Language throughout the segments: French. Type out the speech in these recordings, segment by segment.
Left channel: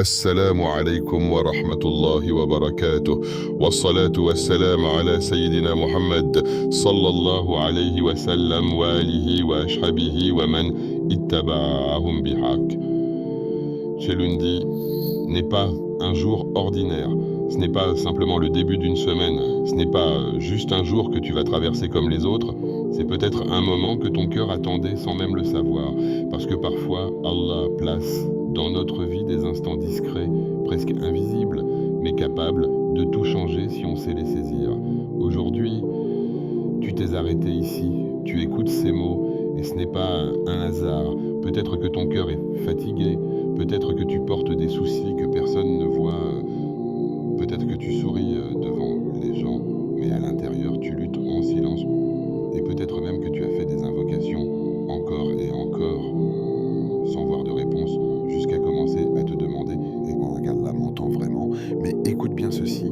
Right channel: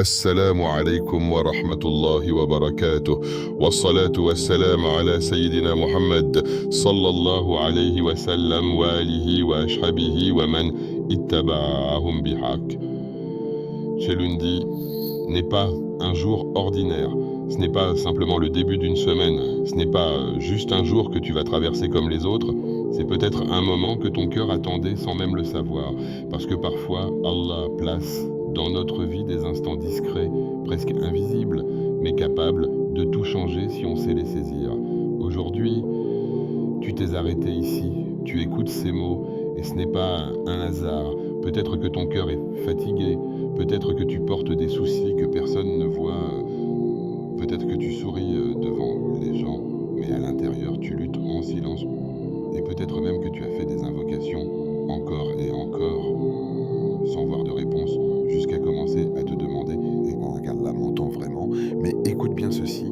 السلام عليكم ورحمة الله وبركاته والصلاة والسلام على سيدنا محمد صلى الله عليه وسلم وآله وأصحابه ومن اتبعهم بحق. Ce lundi n'est pas un jour ordinaire. Ce n'est pas simplement le début d'une semaine. Ce n'est pas juste un jour que tu vas traverser comme les autres. C'est peut-être un moment que ton cœur attendait sans même le savoir. Parce que parfois, Allah place dans notre vie des instants discrets, presque invisibles, mais capables de tout changer si on sait les saisir. Aujourd'hui, tu t'es arrêté ici, tu écoutes ces mots, et ce n'est pas un hasard. Peut-être que ton cœur est fatigué, peut-être que tu portes des soucis que personne ne voit, peut-être que tu souris devant les gens, mais à l'intérieur tu luttes en silence, et peut-être même que tu as fait des invocations encore et encore, sans voir de réponse, jusqu'à commencer à te demander « Et Allah m'entend vraiment ?» Mais écoute bien ceci,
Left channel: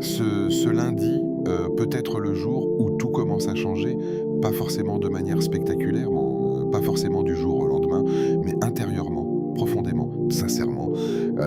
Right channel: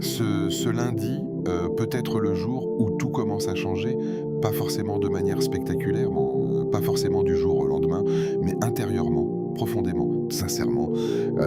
ce lundi peut être le jour où tout commence à changer, pas forcément de manière spectaculaire, pas forcément du jour au lendemain, mais intérieurement, profondément, sincèrement,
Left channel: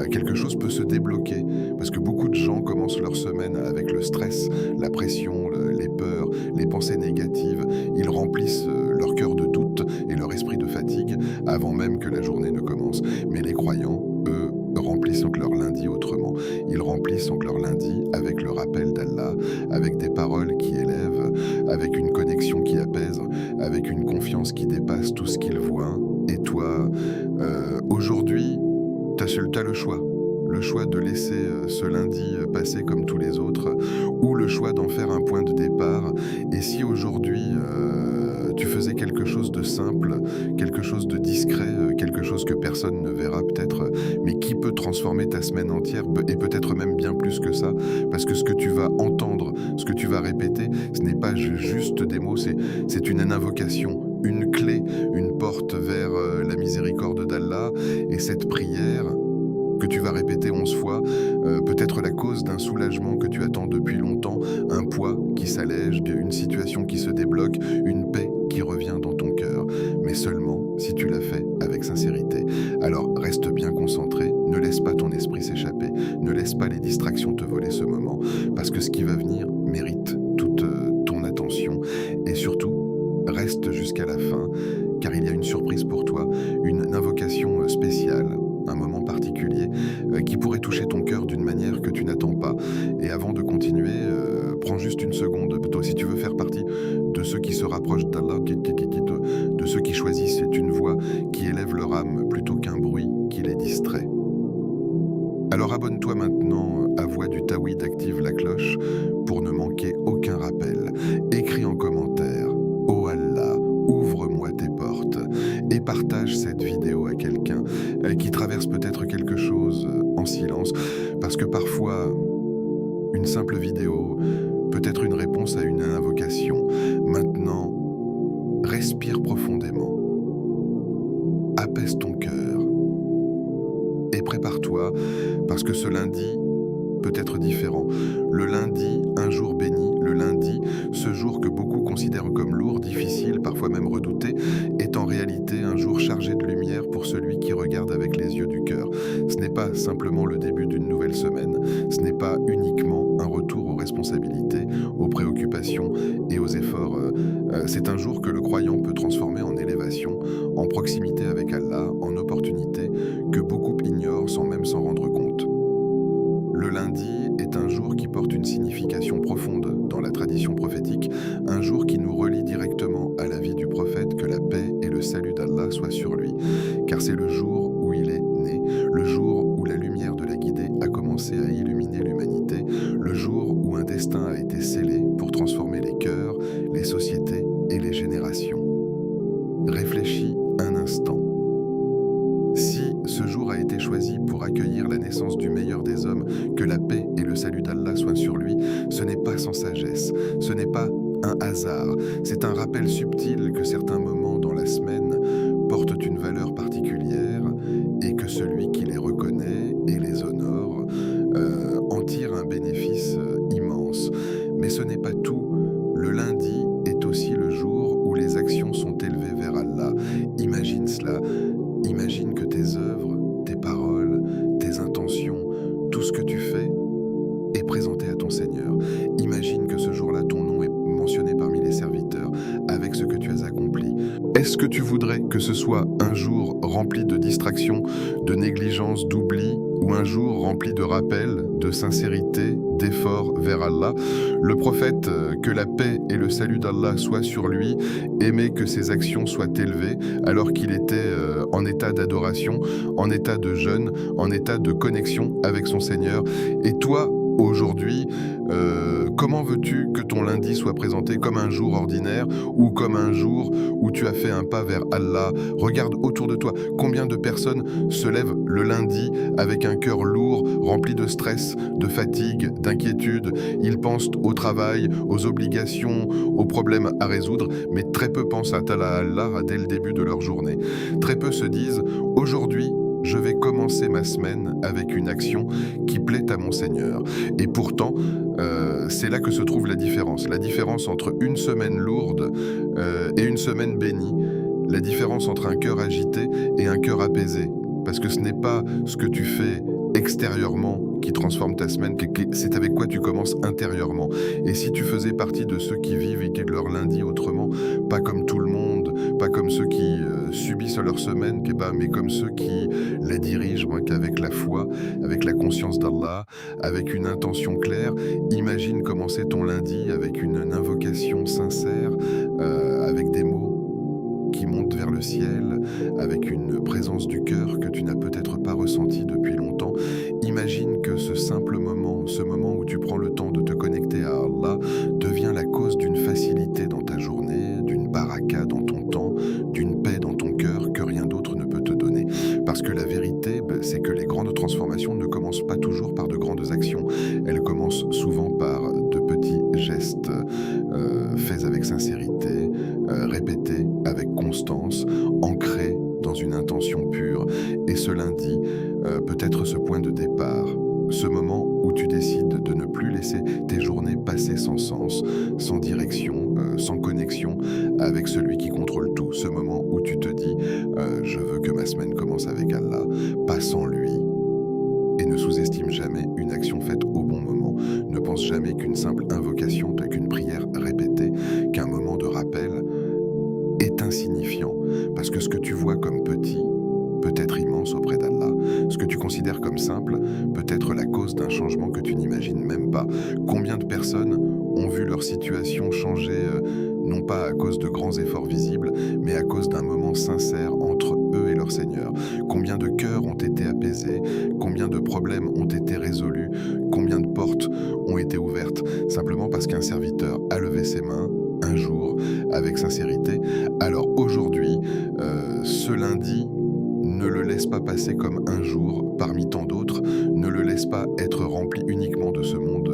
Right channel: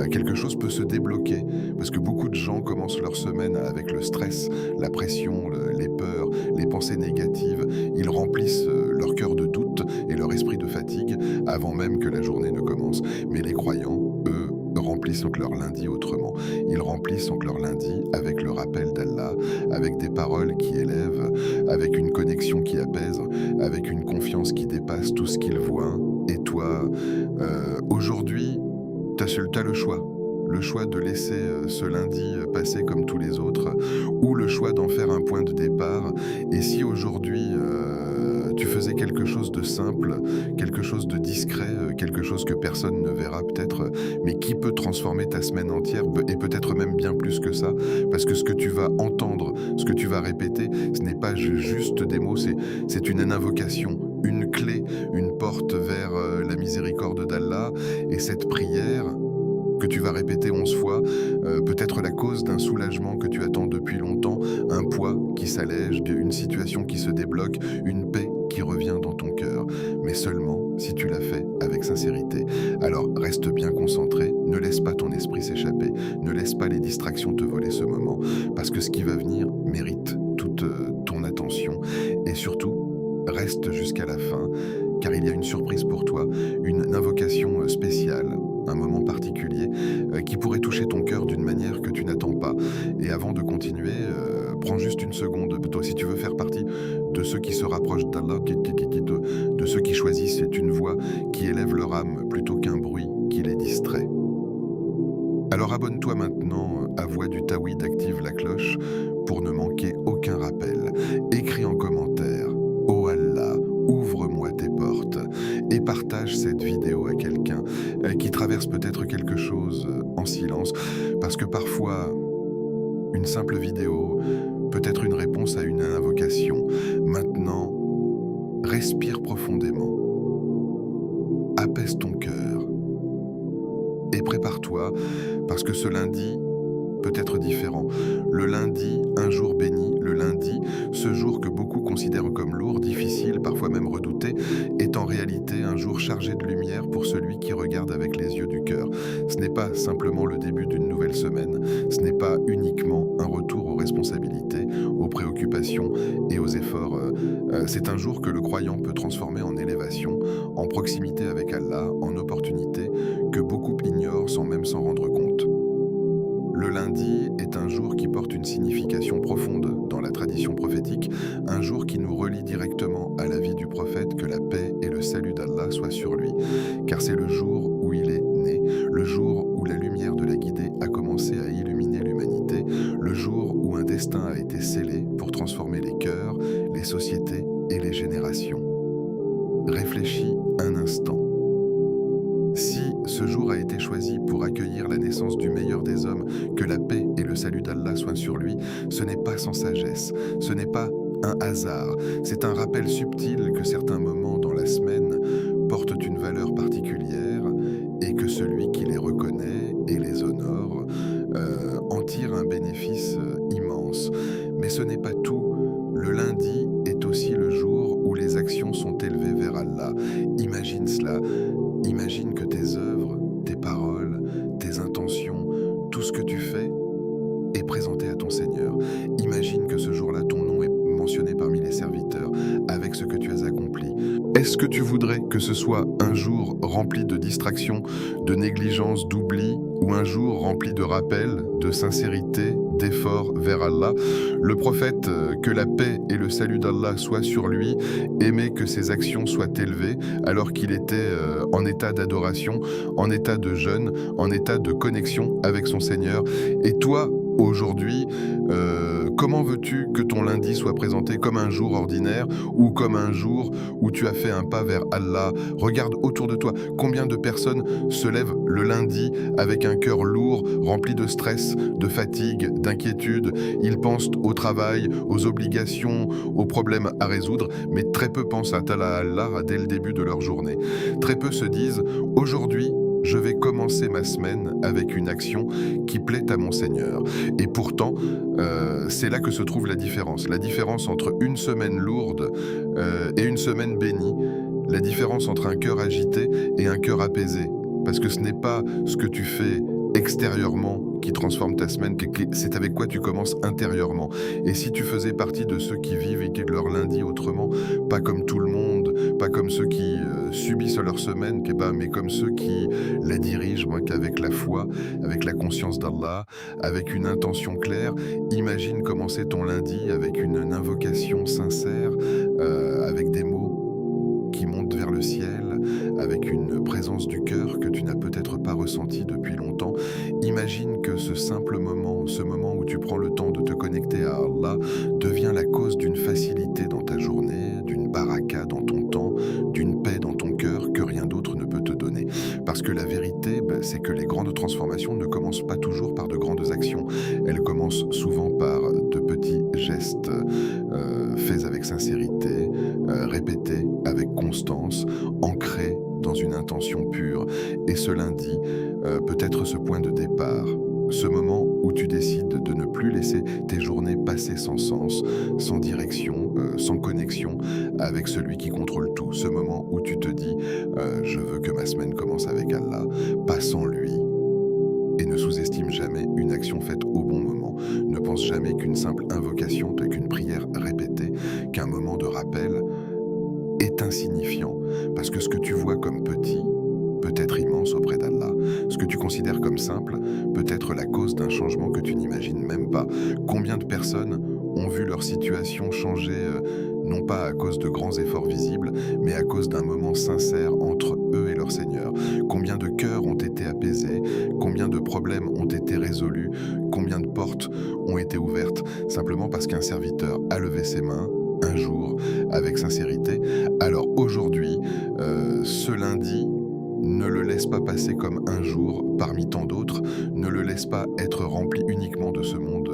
quelque chose peut se débloquer, parce que beaucoup de gens commencent leur semaine avec le stress, la pression, les peurs, les pensées négatives. Ils remplissent leur cœur de doute et leur esprit de fatigue avant même que la journée ne commence. Mais les croyants, eux, remplissent donc leur lundi autrement. Ils remplissent donc leur lundi avec le rappel d'Allah, avec des paroles qui élèvent, avec une connexion qui apaise, avec une confiance qui dépasse tout ce qu'ils voient. Et toi, aujourd'hui, t'as le choix. Le choix de laisser ce lundi passer comme tous les autres, ou le choix d'en faire un point de départ. Et si aujourd'hui tu faisais quelque chose de simple, quelque chose de discret, quelque chose que personne ne verra peut-être, mais qui peut transformer ta semaine entière, et peut-être même bien plus que ça, parce que ce que tu vas entendre, ce que tu vas répéter, ce n'est pas juste des mots, c'est une invocation, une clé, une porte vers la miséricorde d'Allah. Et cette prière que tu vas répéter 11 fois, peut être la cause d'un soulagement que tu attends depuis longtemps, un poids qui s'allège, une situation qui se débloque, une paix qui revient dans ton cœur, mais seulement si tu l'as fait avec sincérité. Alors reste bien concentré, ne laisse pas ton esprit s'échapper, ne laisse pas les distractions te voler ce moment, parce que ce qui va venir mérite toute ton attention, et surtout, reste jusqu'à la fin, car il y a une surprise pour toi, une invocation spéciale, un moment particulier qui pourrait toucher ton cœur d'une manière que tu n'attends pas. Et avant de continuer, prends juste une seconde, toi, si tu veux faire partie de ceux qui se rapprochent d'Allah, de ceux qui choisissent une voix qui élève leur âme plutôt qu'un bruit qui les distrait. Alors abonne-toi maintenant à Voix du Tawhid, active la cloche pour ne manquer aucun rappel. Écris en commentaire « Oh Allah, ouvre-moi tes portes » et partage cette vidéo à quelqu'un qui traverse peut-être quelque chose en silence, parce que parfois, une simple vidéo peut être une réponse à une invocation. Maintenant, respire profondément, apaise ton cœur et prépare-toi, parce que ce lundi peut être différent. Le lundi, un jour béni, le lundi, ce jour que beaucoup considèrent comme lourd, difficile, parfois même redouté, est en réalité un jour chargé de lumière pour celui qui regarde avec les yeux du cœur. Ce n'est pas simplement le début d'une nouvelle semaine, ce n'est pas uniquement un retour aux responsabilités, aux préoccupations et aux efforts. C'est un jour que le croyant peut transformer en élévation, en proximité avec Allah, en opportunité que beaucoup ignorent sans même s'en rendre compte. Le lundi est un jour qui porte une signification profonde dans la tradition prophétique, un jour qui nous relie directement à la vie du prophète, que la paix et le salut d'Allah soient sur lui, car c'est le jour où il est né, le jour où la lumière de la guidée a commencé à illuminer l'humanité, le jour où un destin a été scellé pour transformer les cœurs, les sociétés et les générations. Réfléchis un instant. Si ce jour a été choisi pour accueillir la naissance du meilleur des hommes, que la paix et le salut d'Allah soient sur lui, ce n'est pas sans sagesse, ce n'est pas un hasard, c'est un rappel subtil que certains moments dans la semaine portent une valeur particulière et que celui qui les reconnaît et les honore en tire un bénéfice immense. Mais ce n'est pas tout. Le lundi est aussi le jour où les actions sont élevées vers Allah. Imagine cela. Imagine que tes œuvres, tes paroles, ce que tu fais est présenté à ton Seigneur. Imagine que ce jour-là, ton nom est mentionné parmi les serviteurs, avec ce que tu as accompli. Est-ce que tu voudrais que ce soit un jour rempli de distractions, de négligence, d'oubli, ou un jour rempli de rappels, de sincérité, d'efforts vers Allah? Le prophète, que la paix et le salut d'Allah soient sur lui, aimait que ses actions soient élevées alors qu'il était en état d'adoration, en état de jeûne, en état de connexion avec son Seigneur. Et toi, aujourd'hui, comment veux-tu que ton lundi soit présenté comme un jour ordinaire ou comme un jour où tu as fait un pas vers Allah? Regarde autour de toi, combien de personnes se lèvent le lundi avec un cœur lourd, rempli de stress, de fatigue, d'inquiétude. Ils pensent au travail, aux obligations, aux problèmes à résoudre, mais très peu pensent à Allah dès le début de leur journée. Très peu se disent « Aujourd'hui, je vais commencer ma semaine avec une action qui plaît à mon Seigneur ». Et pourtant, c'est là que se trouve la différence. La différence entre une semaine lourde et une semaine bénie. La différence entre un cœur agité et un cœur apaisé. Parce que ce n'est pas ce que tu fais extérieurement qui transforme ta semaine, c'est avec quoi tu commences intérieurement. Et si tu faisais partie de ceux qui vivent leur lundi autrement, pas comme tout le monde, pas comme ceux qui subissent leur semaine, mais comme ceux qui la dirigent, qu'avec la foi, avec la conscience d'Allah, avec une intention claire, imagine commencer ton lundi avec une invocation sincère, avec des mots qui montent vers le ciel, avec une présence du cœur que tu n'as peut-être pas ressentie depuis longtemps. Imagine que ce simple moment, ce moment où tu prends le temps de te connecter à Allah, devient la cause d'une facilité dans ta journée, d'une baraka dans ton temps, d'une paix dans ton cœur que rien d'autre ne peut te donner. Parce que la vérité, c'est que les grandes transformations ne commencent pas toujours par de grandes actions. Elles commencent souvent par de petits gestes faits avec sincérité, répétés avec constance, ancrés dans une intention pure. Et ce lundi peut être ce point de départ, ce moment où tu décides de ne plus laisser tes journées passer sans sens, sans direction, sans connexion avec celui qui contrôle tout. Ce moment où tu te dis je veux que ma semaine commence avec Allah, pas sans lui. Et ne sous-estime jamais une action faite au bon moment. Ne pense jamais qu'une simple invocation, qu'une prière répétée, qu'un moment de rappel est insignifiant. Parce que ce que tu vois comme petit peut être immense auprès d'Allah. Ce que tu considères comme simple peut être la cause d'un changement que tu n'imagines même pas. Combien de personnes ont vu leur situation changer, non pas à cause de grands efforts visibles, mais à cause d'un moment sincère entre eux et leur Seigneur? Combien de cœurs ont été apaisés? Combien de problèmes ont été résolus? Combien de portes ont été ouvertes simplement parce qu'un serviteur a levé ses mains un jour avec sincérité? Alors aujourd'hui, ce lundi, ne le laisse pas passer comme un jour parmi tant d'autres, ne le laisse pas être rempli uniquement de ce monde,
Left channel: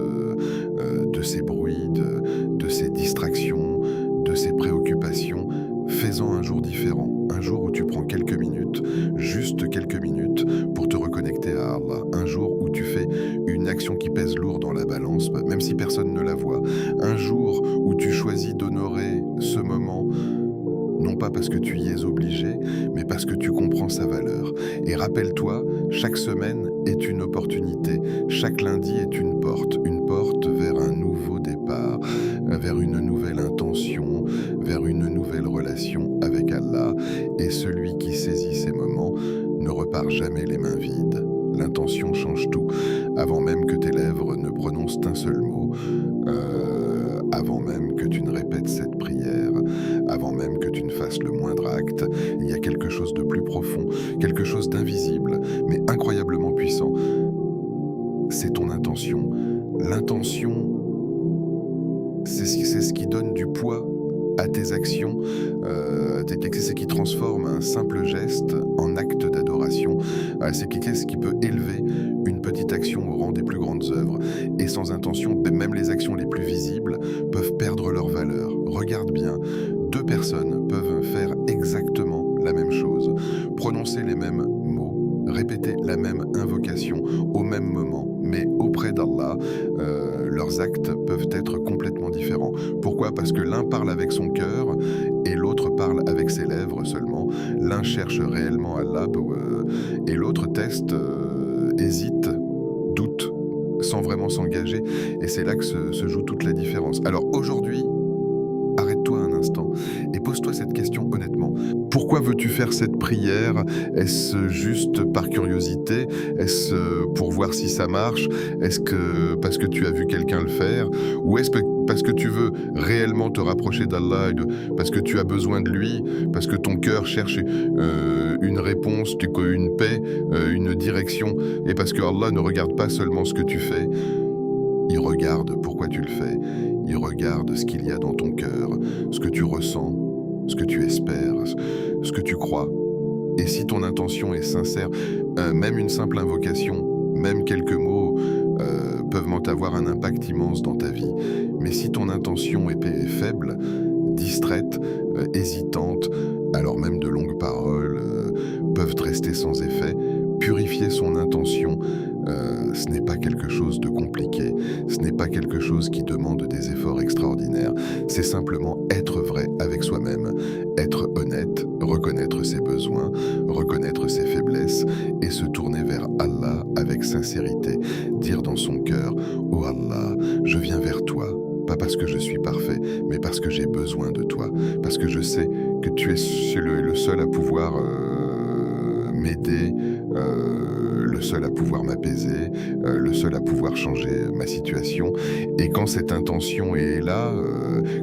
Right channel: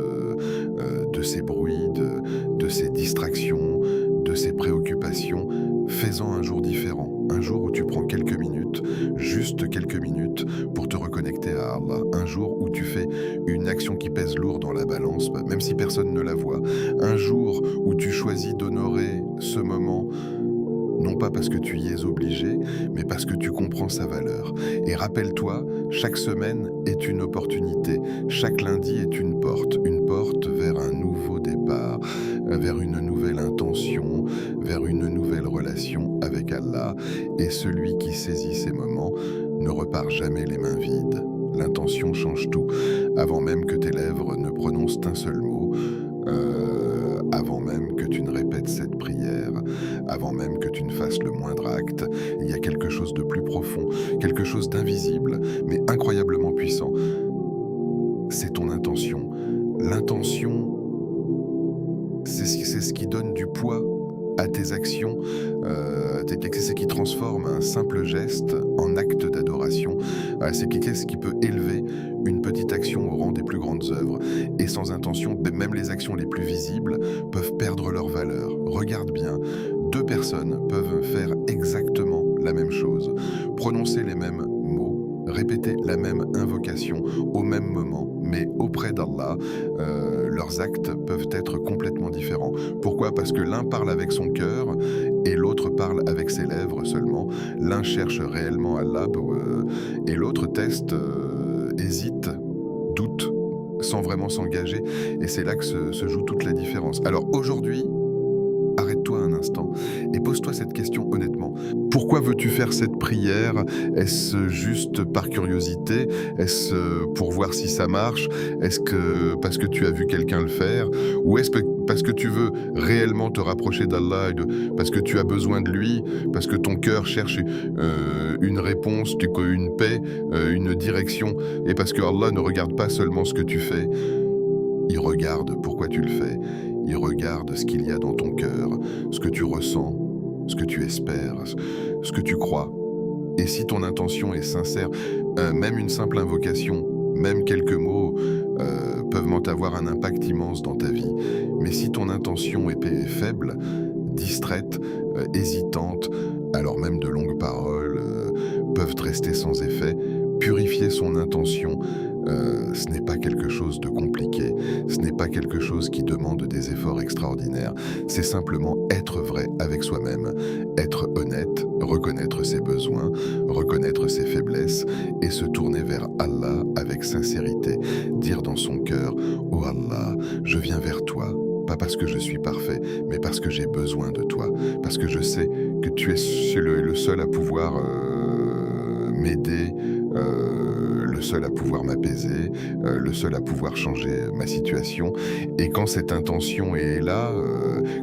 de ces bruits, de ces distractions, de ces préoccupations. Fais-en un jour différent, un jour où tu prends quelques minutes, juste quelques minutes, pour te reconnecter à Allah. Un jour où tu fais une action qui pèse lourd dans la balance, même si personne ne la voit. Un jour où tu choisis d'honorer ce moment, non pas parce que tu y es obligé, mais parce que tu comprends sa valeur. Et rappelle-toi, chaque semaine est une opportunité, chaque lundi est une porte vers un nouveau départ, vers une nouvelle intention, vers une nouvelle relation avec Allah. Et celui qui saisit ces moments ne repart jamais les mains vides. L'intention change tout. Avant même que tes lèvres ne prononcent un seul mot, avant même que tu ne répètes cette prière, avant même que tu ne fasses le moindre acte, il y a quelque chose de plus profond, quelque chose d'invisible, mais incroyablement puissant. C'est ton intention. L'intention, c'est ce qui donne du poids à tes actions, c'est ce qui transforme un simple geste en acte d'adoration. C'est ce qui peut élever une petite action au rang des plus grandes œuvres. Et sans intention, même les actions les plus visibles peuvent perdre leur valeur. Regarde bien, deux personnes peuvent faire exactement la même chose, prononcer les mêmes mots, répéter la même invocation au même moment, mais auprès d'Allah, leurs actes peuvent être complètement différents. Pourquoi? Parce que l'un parle avec son cœur et l'autre parle avec ses lèvres seulement. L'un cherche réellement Allah et l'autre teste, hésite, doute. sans vraiment s'engager. Et c'est là que se joue toute la différence. Alors aujourd'hui, arrête-toi un instant et pose-toi cette question honnêtement. Pourquoi veux-tu faire cette prière? Est-ce juste par curiosité? Est-ce pour voir si ça marche? Est-ce que parce que tu as vu quelqu'un le faire? Ou est-ce parce que tu veux réellement te rapprocher d'Allah, parce que tu as besoin de lui, parce que ton cœur cherche une réponse, une paix, une direction, et parce que Allah ne regarde pas seulement ce que tu fais, il regarde pourquoi tu le fais, il regarde ce qu'il y a dans ton cœur, ce que tu ressens, ce que tu espères, ce que tu crois. Et si ton intention est sincère, même une simple invocation, même quelques mots peuvent avoir un impact immense dans ta vie. Mais si ton intention est faible, distraite, hésitante, alors même de longues paroles peuvent rester sans effet. Purifier son intention, ce n'est pas quelque chose de compliqué, ce n'est pas quelque chose qui demande des efforts extraordinaires, c'est simplement être vrai avec soi-même, être honnête, reconnaître ses besoins, reconnaître ses faiblesses et se tourner vers Allah avec sincérité, dire dans son cœur « Oh Allah, je viens vers toi ». Pas parce que je suis parfait, mais parce que j'ai besoin de toi, parce que je sais que tu es le seul à pouvoir m'aider, le seul à pouvoir m'apaiser, le seul à pouvoir changer ma situation. Et quand cette intention est là,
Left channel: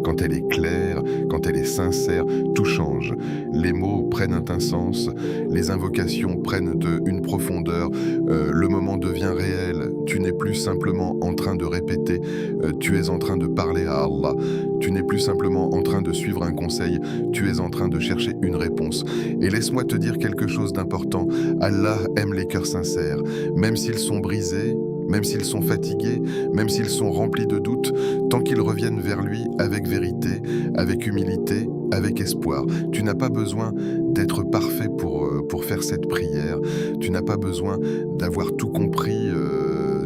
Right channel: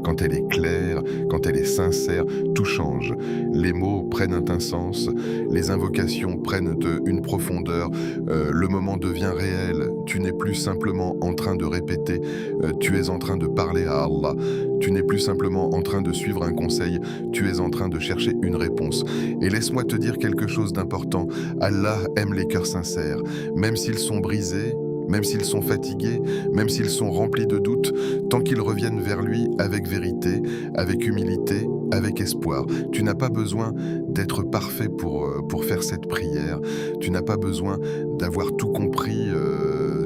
quand elle est claire, quand elle est sincère, tout change. Les mots prennent un sens, les invocations prennent une profondeur, le moment devient réel. Tu n'es plus simplement en train de répéter, tu es en train de parler à Allah. Tu n'es plus simplement en train de suivre un conseil, tu es en train de chercher une réponse. Et laisse-moi te dire quelque chose d'important. Allah aime les cœurs sincères, même s'ils sont brisés, même s'ils sont fatigués, même s'ils sont remplis de doutes, tant qu'ils reviennent vers lui avec vérité, avec humilité, avec espoir. Tu n'as pas besoin d'être parfait pour faire cette prière. Tu n'as pas besoin d'avoir tout compris,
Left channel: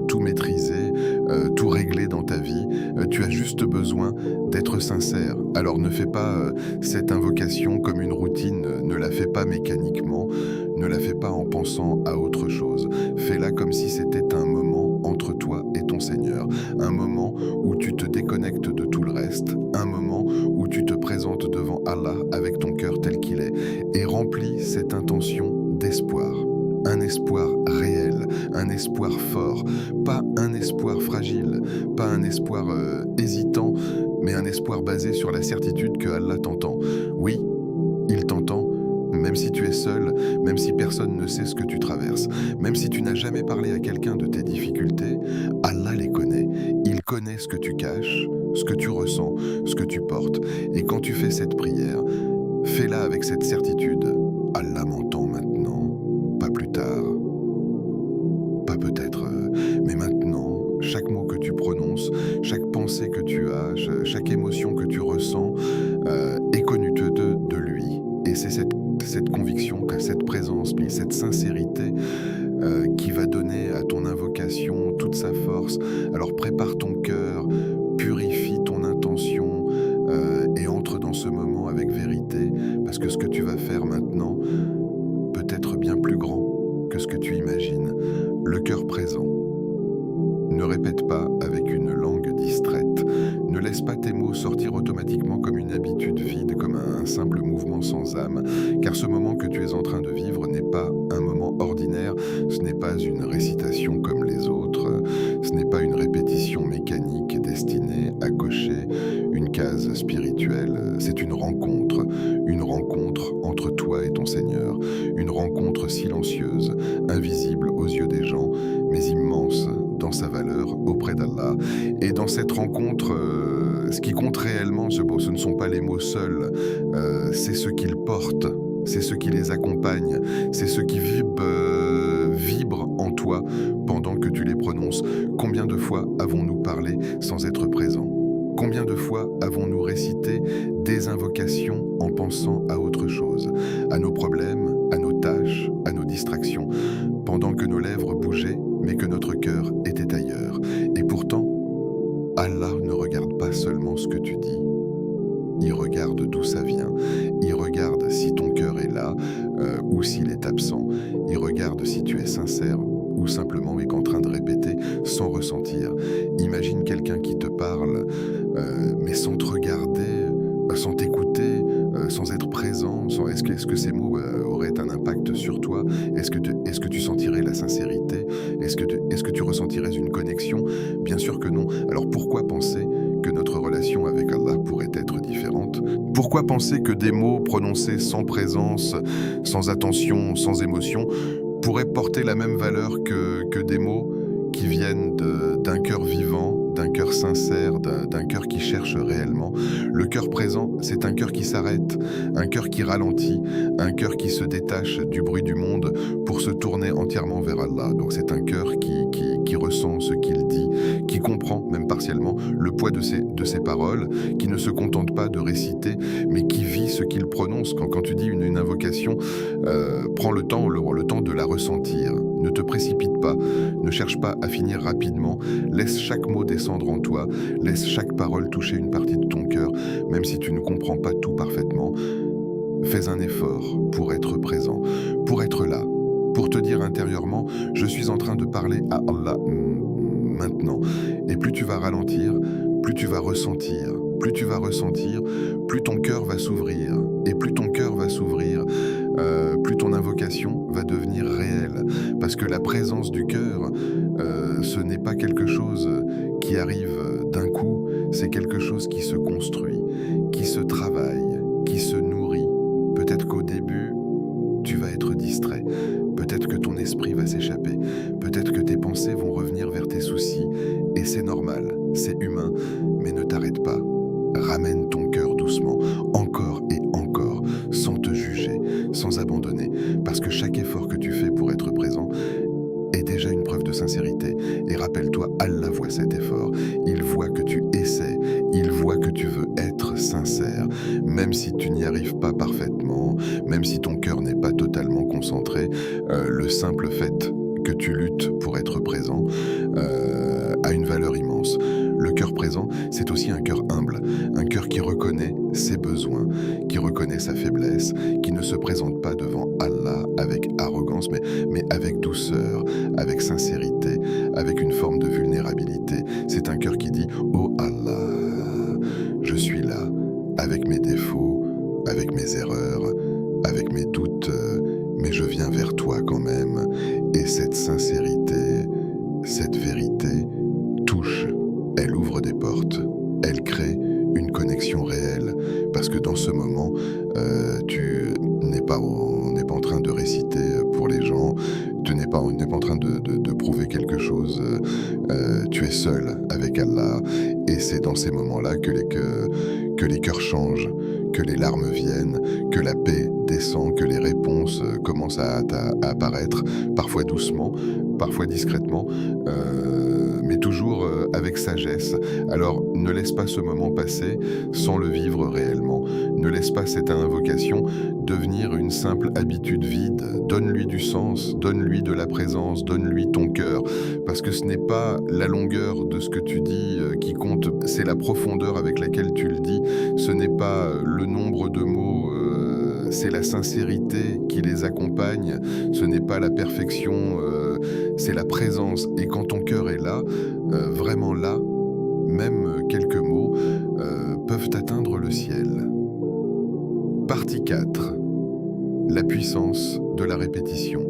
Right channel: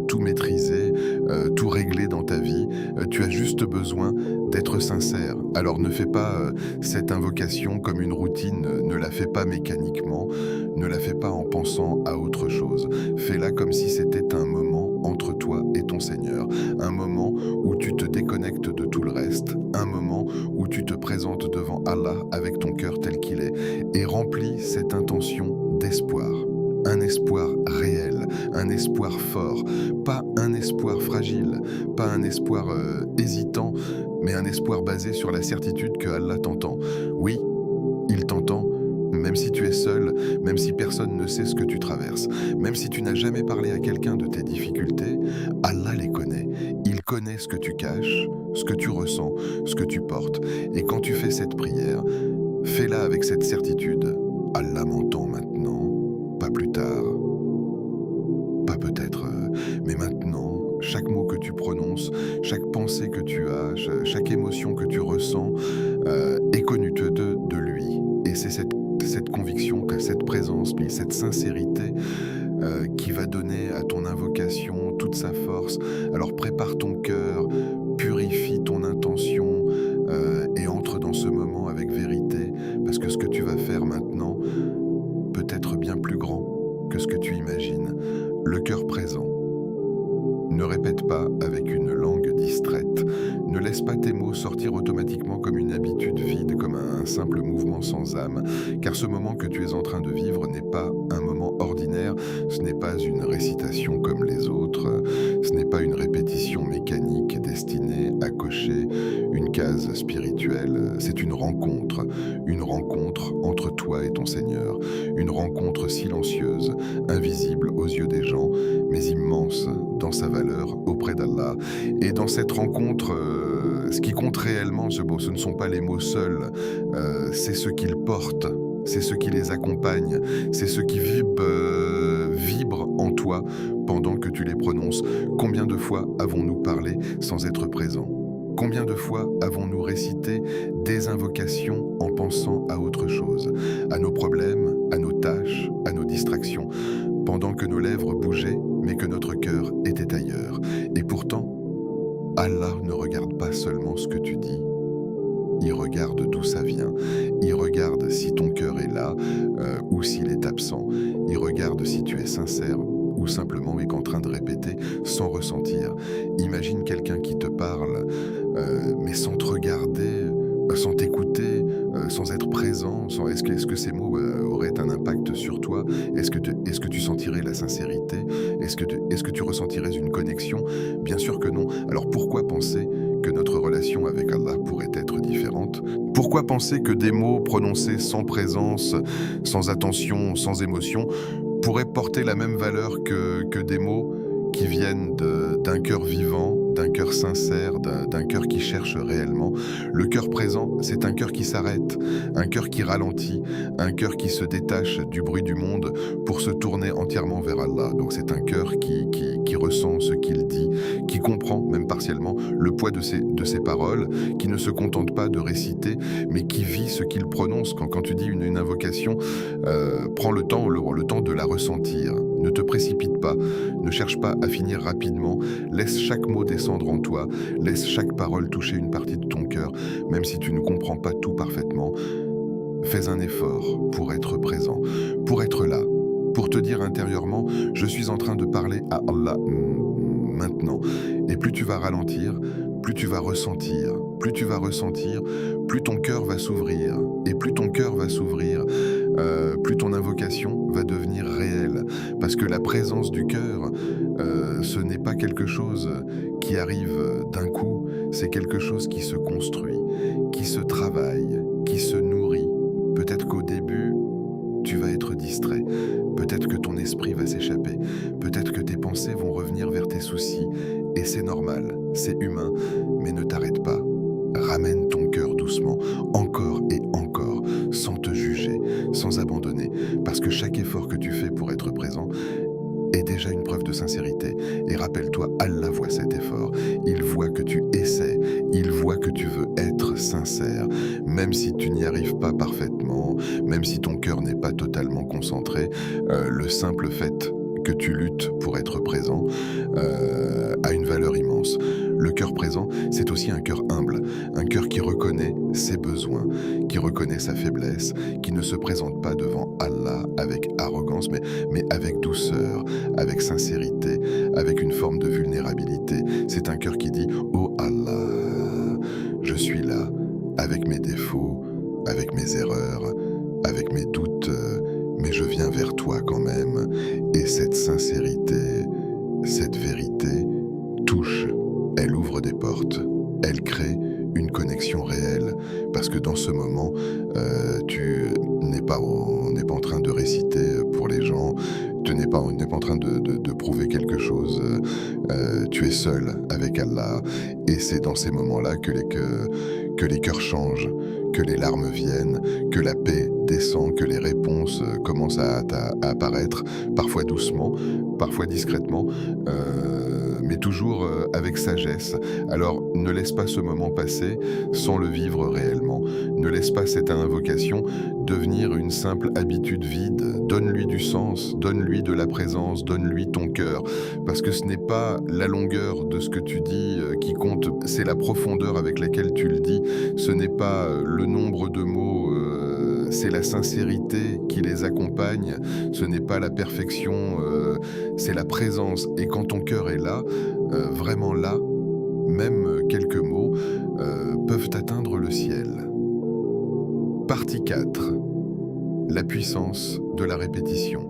tout maîtrisé, tout réglé dans ta vie. Tu as juste besoin d'être sincère. Alors ne fais pas cette invocation comme une routine, ne la fais pas mécaniquement, ne la fais pas en pensant à autre chose. Fais-la comme si c'était un moment entre toi et ton Seigneur, un moment où tu te déconnectes de tout le reste, un moment où tu te présentes devant Allah avec ton cœur tel qu'il est et remplis cette intention d'espoir. Un espoir réel, un espoir fort, pas un espoir fragile, pas un espoir hésitant, mais un espoir basé sur la certitude que Allah t'entend. Oui, il t'entend, même si tu es seul, même si personne ne sait ce que tu traverses, même si tu n'as jamais parlé à quelqu'un de tes difficultés, Allah les connaît. Il connaît ce que tu caches, ce que tu ressens, ce que tu portes. Et quand tu fais cette prière, fais-la avec cette certitude. Allah m'entend maintenant, pas plus tard, pas peut-être, mais maintenant. Chaque mot que tu prononces, chaque pensée que tu as, chaque émotion que tu ressens est connue de lui. Et c'est cette conviction, cette présence, cette sincérité qui va donner à ton invocation toute sa force. Alors prépare ton cœur, purifie ton intention et entre dans ce moment avec vérité, parce que ce que tu vas faire maintenant peut être bien plus grand que ce que tu imagines. Le cœur présent. Ne répète pas avec une langue distraite. Ne laisse pas tes mots sortir automatiquement comme une habitude vide, comme un simple mouvement sans âme. Car ce moment que tu es en train de vivre n'est pas un moment ordinaire, ce n'est pas une récitation comme les autres, ce n'est pas une répétition mécanique destinée à cocher une case spirituelle. C'est une rencontre entre toi et ton Seigneur. Une rencontre silencieuse, invisible aux yeux des gens, mais immense dans sa valeur auprès d'Allah. Et dans cette rencontre, ce qui compte réellement, ce ne sont pas les mots seuls, c'est ce qu'ils portent, c'est ce qui les accompagne, c'est ce qui vibre en toi pendant que tu les prononces. Combien de fois avons-nous parlé sans être présents ? Combien de fois avons-nous récité des invocations en pensant à autre chose, à nos problèmes, à nos tâches, à nos distractions, pendant que nos lèvres bougeaient, mais que notre cœur était ailleurs. Et pourtant, Allah ne regarde pas seulement ce que tu dis, il regarde d'où ça vient, il regarde si ton cœur est là ou s'il est absent, il regarde si tu es sincère ou ou simplement est en train de répéter sans ressentir. Imagine quelqu'un qui te parle, mais sans te regarder, sans t'écouter, sans être présent. Est-ce que ces mots auraient un impact sur toi? Est-ce que tu sentirais la sincérité? Est-ce que tu ressentirais une connexion? Bien sûr que non. Alors pourquoi penser que notre relation avec Allah pourrait être différente? Pourquoi penser que des mots prononcés sans présence, sans attention, sans émotion, pourraient porter la même valeur que des mots qui viennent d'un cœur vivant, d'un cœur sincère, d'un cœur qui cherche réellement? Le cœur présent, c'est un cœur qui s'arrête, un cœur qui ralentit, un cœur qui se détache du bruit du monde pour se tourner entièrement vers Allah. Donc c'est un cœur qui ressent ce qu'il dit, qui comprend, même partiellement, le poids de ses paroles, qui ne se contente pas de réciter, mais qui vit ce qu'il prononce. Quand tu dis une invocation, prends le temps de la ressentir. Ne te précipite pas, ne cherche pas à finir rapidement, laisse chaque mot descendre en toi, laisse chaque parole toucher une partie de ton cœur, même si tu ne comprends pas tout parfaitement. Fais un effort pour être présent, pour être là, pour te dire intérieurement, je suis en train de parler à Allah maintenant. Et plus tu vas ralentir, plus tu vas ressentir, plus tu vas ressentir, plus ton cœur va s'ouvrir. Et plus ton cœur va s'ouvrir, plus ton invocation va devenir réelle. Parce que la présence du cœur, ce n'est pas quelque chose qui arrive d'un coup, c'est quelque chose qui se construit, qui se travaille, qui se nourrit. Peut-être qu'au début, tu vas être distrait. Peut-être que ton esprit va s'échapper. Peut-être que tes pensées vont revenir vers tes soucis. Et c'est normal, c'est humain, mais ne t'arrête pas. Ramène ton cœur doucement, encore et encore, sans te juger, sans abandonner, parce que chaque effort que tu fais pour être présent est déjà une preuve de sincérité. Et rappelle-toi, Allah voit cet effort, il voit que tu essaies, il voit que tu veux être sincère, même si tu n'y arrives pas parfaitement, même si ton cœur n'est pas totalement concentré, le simple fait que tu luttes pour être présent a une valeur immense. Le cœur présent, c'est aussi un cœur humble, un cœur qui reconnaît ses besoins, qui reconnaît sa faiblesse, qui ne se présente pas devant Allah avec arrogance, mais avec douceur, avec sincérité, avec une forme de vulnérabilité. C'est un cœur qui dit « Oh Allah, je suis là, avec mes défauts, avec mes erreurs, avec mes doutes, mais je viens vers toi quand même. » Et cette sincérité, cette vérité touche. Elle ouvre des portes, elle crée une connexion réelle, parce que dans ce moment, on n'est pas en train de réciter pour les gens, tu n'es pas en train de prouver quelque chose, tu es seul avec Allah, et c'est dans ces moments-là que les cœurs changent, que les larmes viennent, que la paix descend, que les réponses commencent à apparaître, parfois doucement, parfois discrètement, mais toujours avec sagesse. Alors ne laisse pas ce moment passer sans le vivre réellement. Ne laisse pas cette invocation devenir une simple habitude vide. Donne-lui du sens, donne-lui de la présence, donne-lui ton cœur. Parce que ce n'est pas la longueur de ce que tu dis qui compte, c'est la profondeur avec laquelle tu le dis. Ce n'est pas le nombre de mots, c'est la sincérité qui les accompagne. Ce n'est pas la perfection, c'est la présence. Et quand ton cœur est là, vraiment là, même quelques mots peuvent atteindre le ciel. Partie 4. La puissance de la répétition.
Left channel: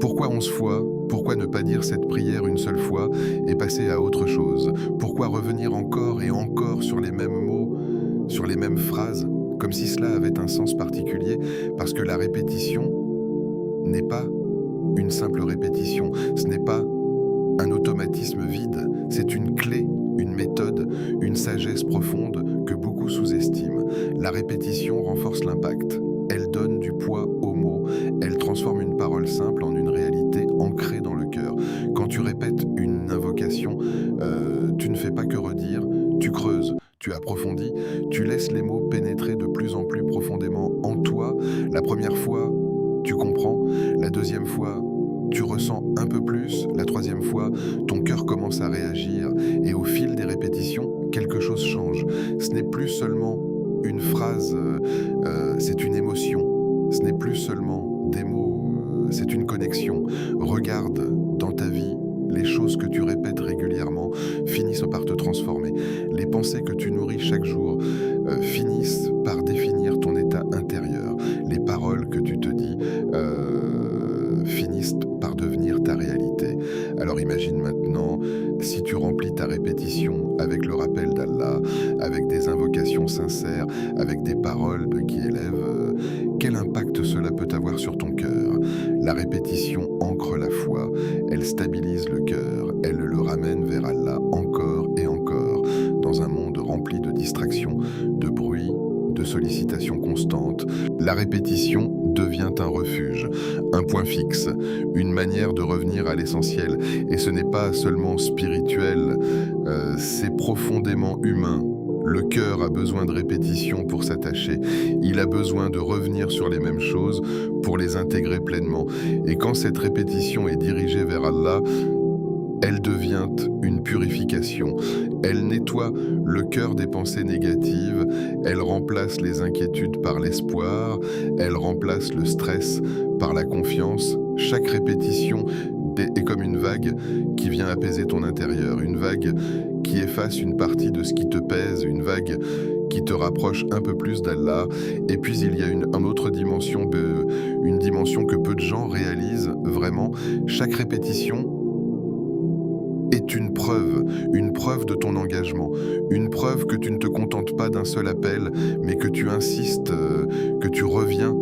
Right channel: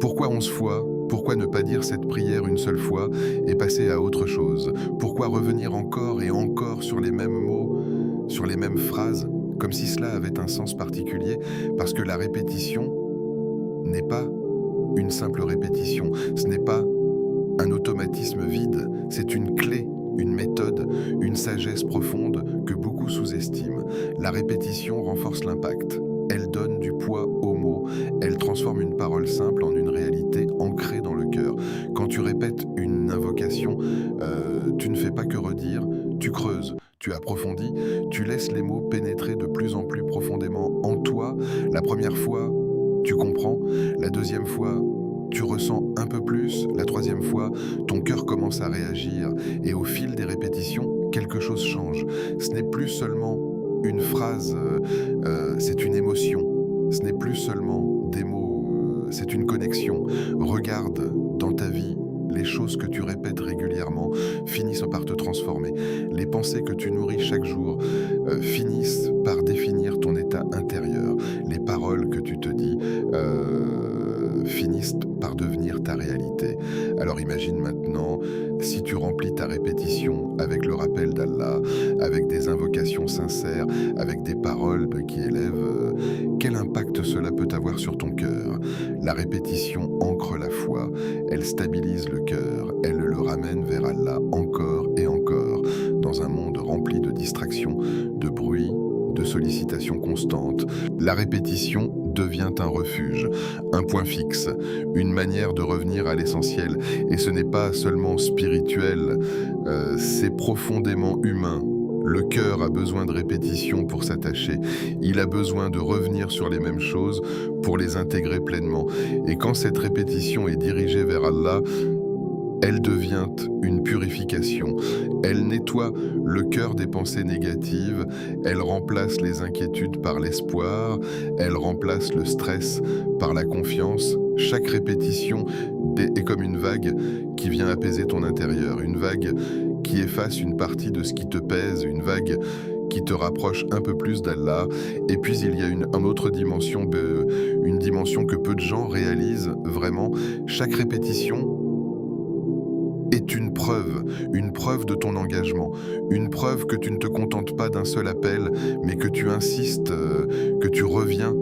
Pourquoi 11 fois? Pourquoi ne pas dire cette prière une seule fois et passer à autre chose? Pourquoi revenir encore et encore sur les mêmes mots, sur les mêmes phrases, comme si cela avait un sens particulier? Parce que la répétition n'est pas une simple répétition, ce n'est pas un automatisme vide, c'est une clé, une méthode, une sagesse profonde que beaucoup sous-estiment. La répétition renforce l'impact. Elle donne du poids aux mots, elle transforme une parole simple en une réalité ancrée dans le cœur. Quand tu répètes une invocation, tu ne fais pas que redire, tu creuses, tu approfondis, tu laisses les mots pénétrer de plus en plus profondément en toi. La première fois, tu comprends, la deuxième fois, tu ressens un peu plus, la troisième fois, ton cœur commence à réagir et au fil des répétitions, quelque chose change. Ce n'est plus seulement une phrase, c'est une émotion. Ce n'est plus seulement des mots, c'est une connexion. Regarde dans ta vie, les choses que tu répètes régulièrement finissent par te transformer. Les pensées que tu nourris chaque jour finissent par définir ton état intérieur. Les paroles que tu te dis finissent par devenir ta réalité. Alors imagine maintenant, si tu remplis ta répétition avec le rappel d'Allah, avec des invocations sincères, avec des paroles qui élèvent, quel impact cela peut avoir sur ton cœur? La répétition ancre la foi, elle stabilise le cœur, elle le ramène vers Allah encore et encore, dans un monde rempli de distractions, de bruit, de sollicitations constantes. La répétition devient un refuge, un point fixe, une manière de revenir à l'essentiel. Et ce n'est pas seulement spirituel, c'est profondément humain. Le cœur a besoin de répétition pour s'attacher. Il a besoin de revenir sur les mêmes choses pour les intégrer pleinement. Et quand cette répétition est dirigée vers Allah, elle devient une purification. Elle nettoie le cœur des pensées négatives, elle remplace les inquiétudes par l'espoir, elle remplace le stress par la confiance. Chaque répétition est comme une vague qui vient apaiser ton intérieur, une vague qui efface une partie de ce qui te pèse, une vague qui te rapproche un peu plus d'Allah. Et puis il y a une autre dimension, une dimension que peu de gens réalisent vraiment. Chaque répétition est une preuve de ton engagement, une preuve que tu ne te contentes pas d'un seul appel, mais que tu insistes, que tu reviens,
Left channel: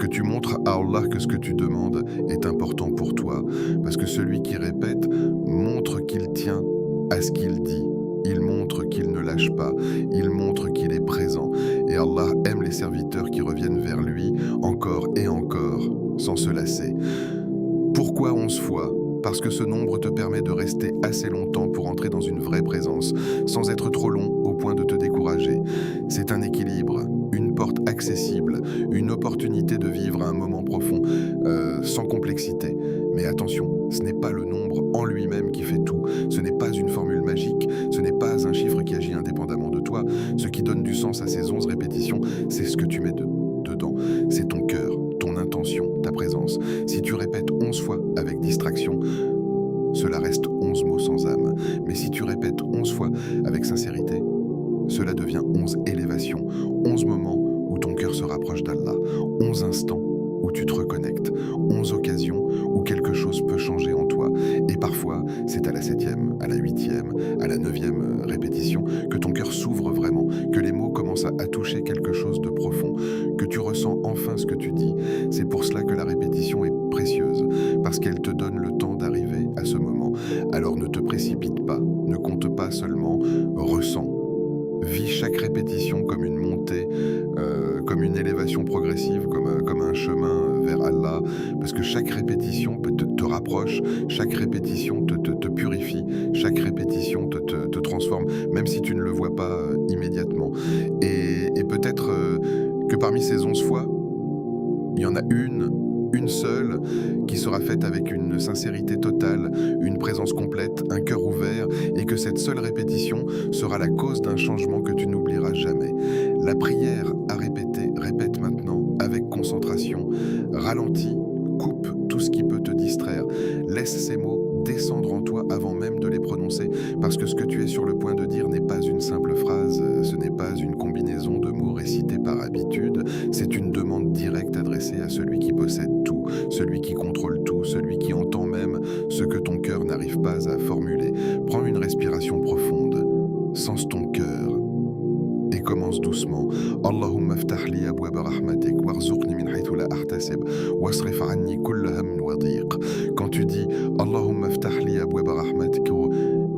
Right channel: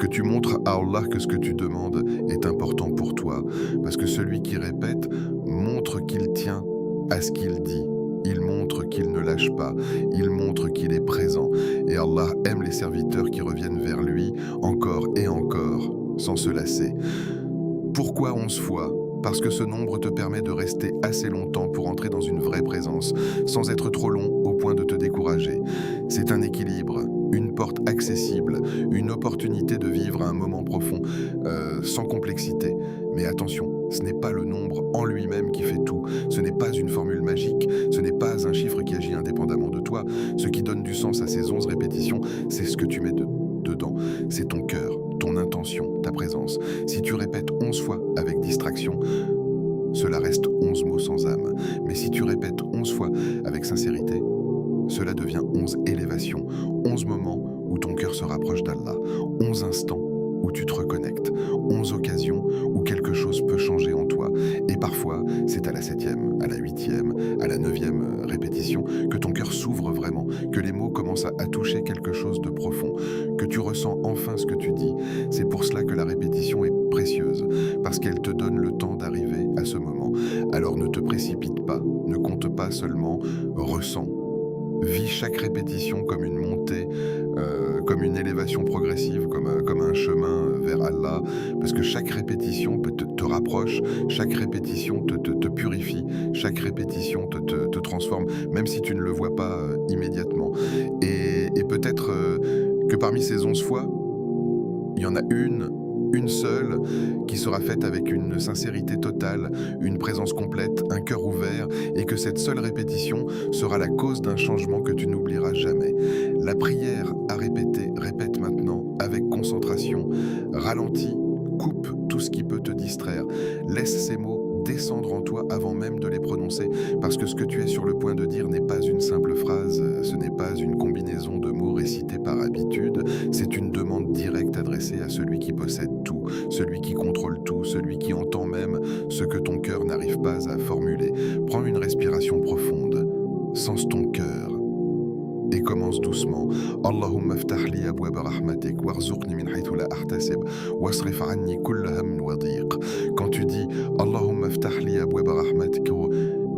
que tu montres à Allah que ce que tu demandes est important pour toi. Parce que celui qui répète montre qu'il tient à ce qu'il dit. Il montre qu'il ne lâche pas, il montre qu'il est présent. Et Allah aime les serviteurs qui reviennent vers lui encore et encore, sans se lasser. Pourquoi 11 fois ? Parce que ce nombre te permet de rester assez longtemps pour entrer dans une vraie présence, sans être trop long au point de te décourager. C'est un équilibre, une porte accessible, une opportunité de vivre un moment profond, sans complexité. Mais attention, ce n'est pas le nombre en lui-même qui fait tout, ce n'est pas une formule magique, ce n'est pas un chiffre qui agit indépendamment de toi. Ce qui donne du sens à ces 11 répétitions, c'est ce que tu mets dedans, c'est ton cœur, ton intention, ta présence. Si tu répètes 11 fois avec distraction, cela reste 11 mots sans âme. Mais si tu répètes 11 fois avec sincérité, cela devient 11 élévations, 11 moments où ton cœur se rapproche d'Allah, 11 instants où tu te reconnectes, 11 occasions où quelque chose peut changer en toi. Et parfois, c'est à la 7e, à la 8e, à la 9e répétition que ton cœur s'ouvre vraiment, que les mots commencent à toucher quelque chose de profond, que tu ressens enfin ce que tu dis. C'est pour cela que la répétition est précieuse, parce qu'elle te donne le temps d'arriver à ce moment. Alors ne te précipite pas, ne compte pas seulement, ressens. Vis chaque répétition comme une montée, comme une élévation progressive, comme un chemin vers Allah, parce que chaque répétition te rapproche, chaque répétition te purifie, chaque répétition te transforme, même si tu ne le vois pas immédiatement. Et peut-être que parmi ces 11 fois, il y en a une seule qui sera faite avec une sincérité totale, une présence complète, un cœur ouvert, et que cette seule répétition sera la cause d'un changement que tu n'oublieras jamais. La prière à répéter, répète maintenant avec concentration, ralentis, coupe tout ce qui peut te distraire, laisse ces mots descendre en toi avant même de les prononcer, parce que ce que tu es sur le point de dire n'est pas une simple phrase, ce n'est pas une combinaison de mots récités par habitude, c'est une demande directe adressée à celui qui possède tout, celui qui contrôle tout, celui qui entend même ce que ton cœur n'arrive pas à formuler. Prends une respiration profonde, sens ton cœur et commence doucement. Allahumma ftah li abwaba rahmatik warzuqni min haythu la ahtasib wasrif anni kulla hammin wa dhiq. Quand tu dis Allahumma ftah li abwaba rahmatik,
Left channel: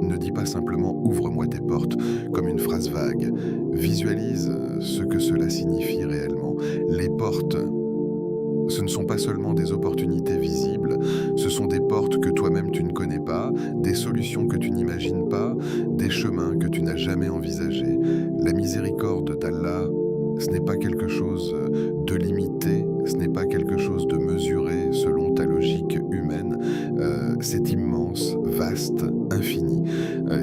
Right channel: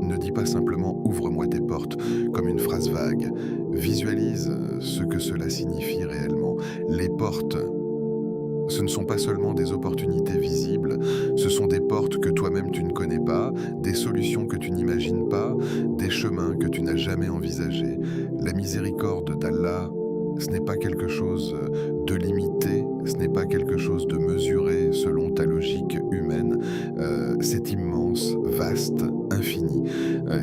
ne dis pas simplement ouvre-moi tes portes comme une phrase vague. Visualise ce que cela signifie réellement. Les portes, ce ne sont pas seulement des opportunités visibles, ce sont des portes que toi-même tu ne connais pas, des solutions que tu n'imagines pas, des chemins que tu n'as jamais envisagés. La miséricorde d'Allah, ce n'est pas quelque chose de limité, ce n'est pas quelque chose de mesuré selon ta logique humaine, c'est immense, vaste, infini.